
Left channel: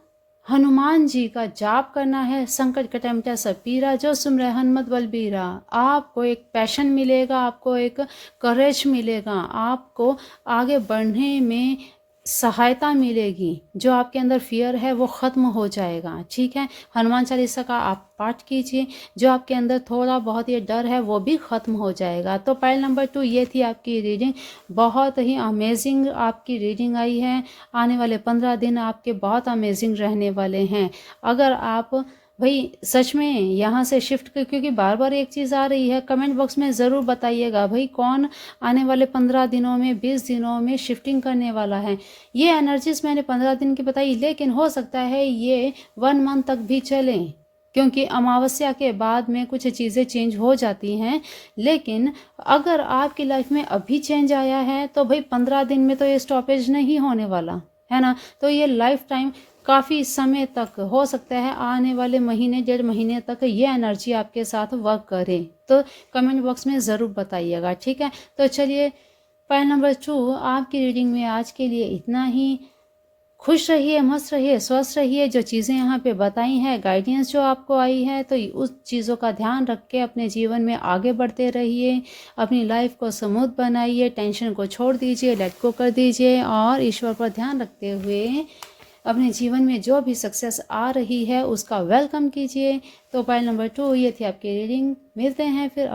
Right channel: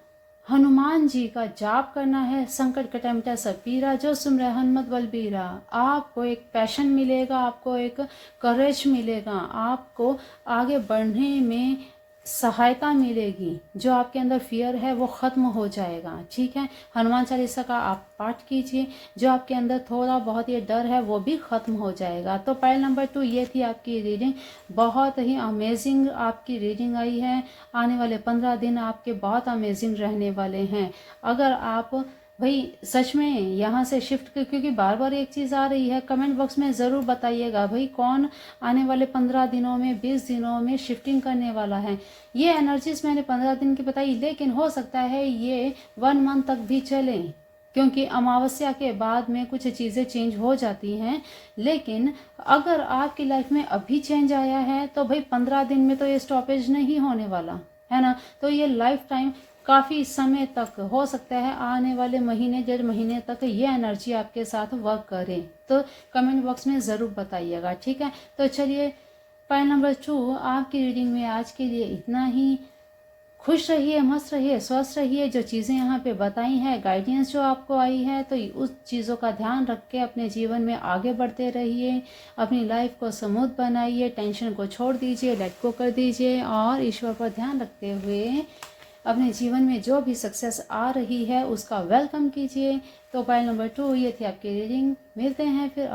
हनुमान जी का जाप करना है। संकट कटे मिटा सब पीरा, जो सुमरे हनुमत बलबीरा। आपको एक पैशन मिलेगा, आपको एक करेज मिलेगा, आपको आगे बढ़ने में सहायता मिलेगी। जो आपके अंदर फियर है वो ख़त्म हो जाएगा, ठीक है। हनुमान चालीसा का आप पाठ कीजिए, जो आपके अंदर थोड़ा बहुत ये डर है वो भी ख़त्म हो जाएगा। तो पाइल नंबर 2 ये थी आपकी रीडिंग, बहुत ही अमेजिंग आपकी रीडिंग आई है। आने वाले 15 दिन आपके बहुत अमेजिंग रहने वाले हैं। अगर आप भाई सच में यहाँ से शिफ्ट क्योंकि बार बार एक चीज़ आ रही है, कमेंट बॉक्स में ज़रूर बताइएगा भाई कौन आने वाले 15 दिनों में 20 दिनों में शिफ्टिंग करने वाला है। ये एनर्जीज मैंने 15 दिन की बताई, लेकिन हो सकता है ये 1 मंथ तक भी चलें, क्योंकि अमावस्या के बाद में कुछ चीज़ें चेंज हो जाती हैं। लेकिन अगर आपकी लाइफ में अभी चेंज आया है तो भाई 15 दिन में तो ये स्टॉपेज नहीं होने वाला है ना। तो ये लाइफ टाइम काफ़ी समय तक, हो सकता है आने वाले महीने 1.5 महीने तक ये एनर्जी आपके साथ वर्क करे। तो कमेंट बॉक्स में ज़रूर बताइएगा, ठीक है। तो चलिए पॉइंट नंबर 2, आपकी रीडिंग में आज के लिए इतना ही। खुश रहिए, मस्त रहिए, स्वस्थ रहिए। जो चीज़ें यहाँ पे बताई हैं, गाइडेंस जो आपको आई है, तो उस चीज़ों का ध्यान रख के अपने जीवन में आगे बढ़ते रहिए। अपनी लाइफ को स्मूथ बनाइए, टेंशन को छोड़ दीजिए, लेट गो कर दीजिए और ईश्वर पर ध्यान रखते हुए अपने जीवन में जो भी सक्सेस आ रही है उसका वेलकम कीजिए। तो पॉइंट नंबर 2 ये थी आपकी रीडिंग। मिलते हैं फिर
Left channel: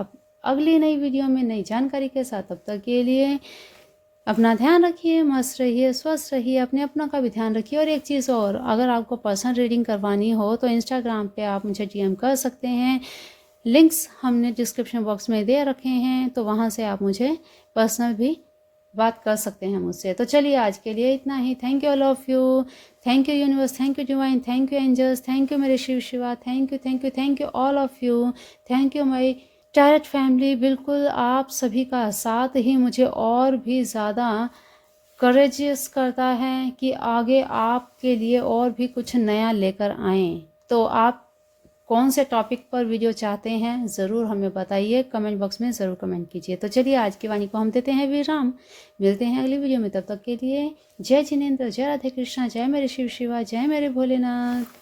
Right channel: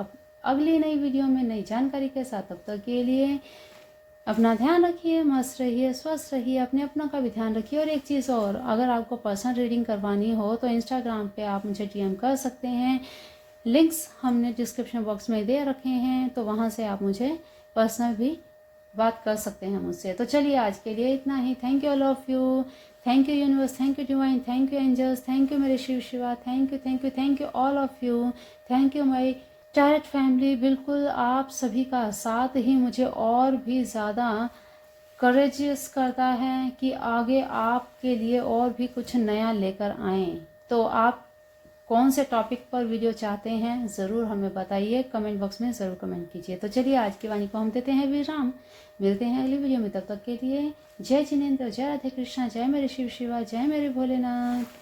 अगली नई वीडियो में नई जानकारी के साथ। तब तक के लिए अपना ध्यान रखिए, मस्त रहिए, स्वस्थ रहिए, अपने अपना का भी ध्यान रखिए। और एक चीज़ और, अगर आपको पर्सनल रीडिंग करवानी हो तो इंस्टाग्राम पे आप मुझे डीएम कर सकते हैं। लिंक्स हमने डिस्क्रिप्शन बॉक्स में दे रखे हैं, तो वहाँ से आप मुझे पर्सनल भी बात कर सकते हैं मुझसे। तो चलिए आज के लिए इतना ही। Thank you all of you, thank you universe, thank you divine, thank you angels, thank you मेरे Shiv Shiva, thank you thank you thank you all of you, thank you my tarot family. बिल्कुल आप सभी का साथ ही मुझे और भी ज़्यादा करेजियस करता है कि आगे आपके लिए और भी कुछ नया लेकर आएँ। तो आप कौन से टॉपिक पर वीडियो चाहते हैं ज़रूर हमें बताइए, कमेंट बॉक्स में ज़रूर कमेंट कीजिए। तो चलिए आज की वाणी को हम देते हैं विराम। मिलते हैं अगली वीडियो में, तब तक के लिए जय जिनेंद्र, जय राधे कृष्णा, जय मेरे शिव शिवा, जय मेरे भोलेनाथ।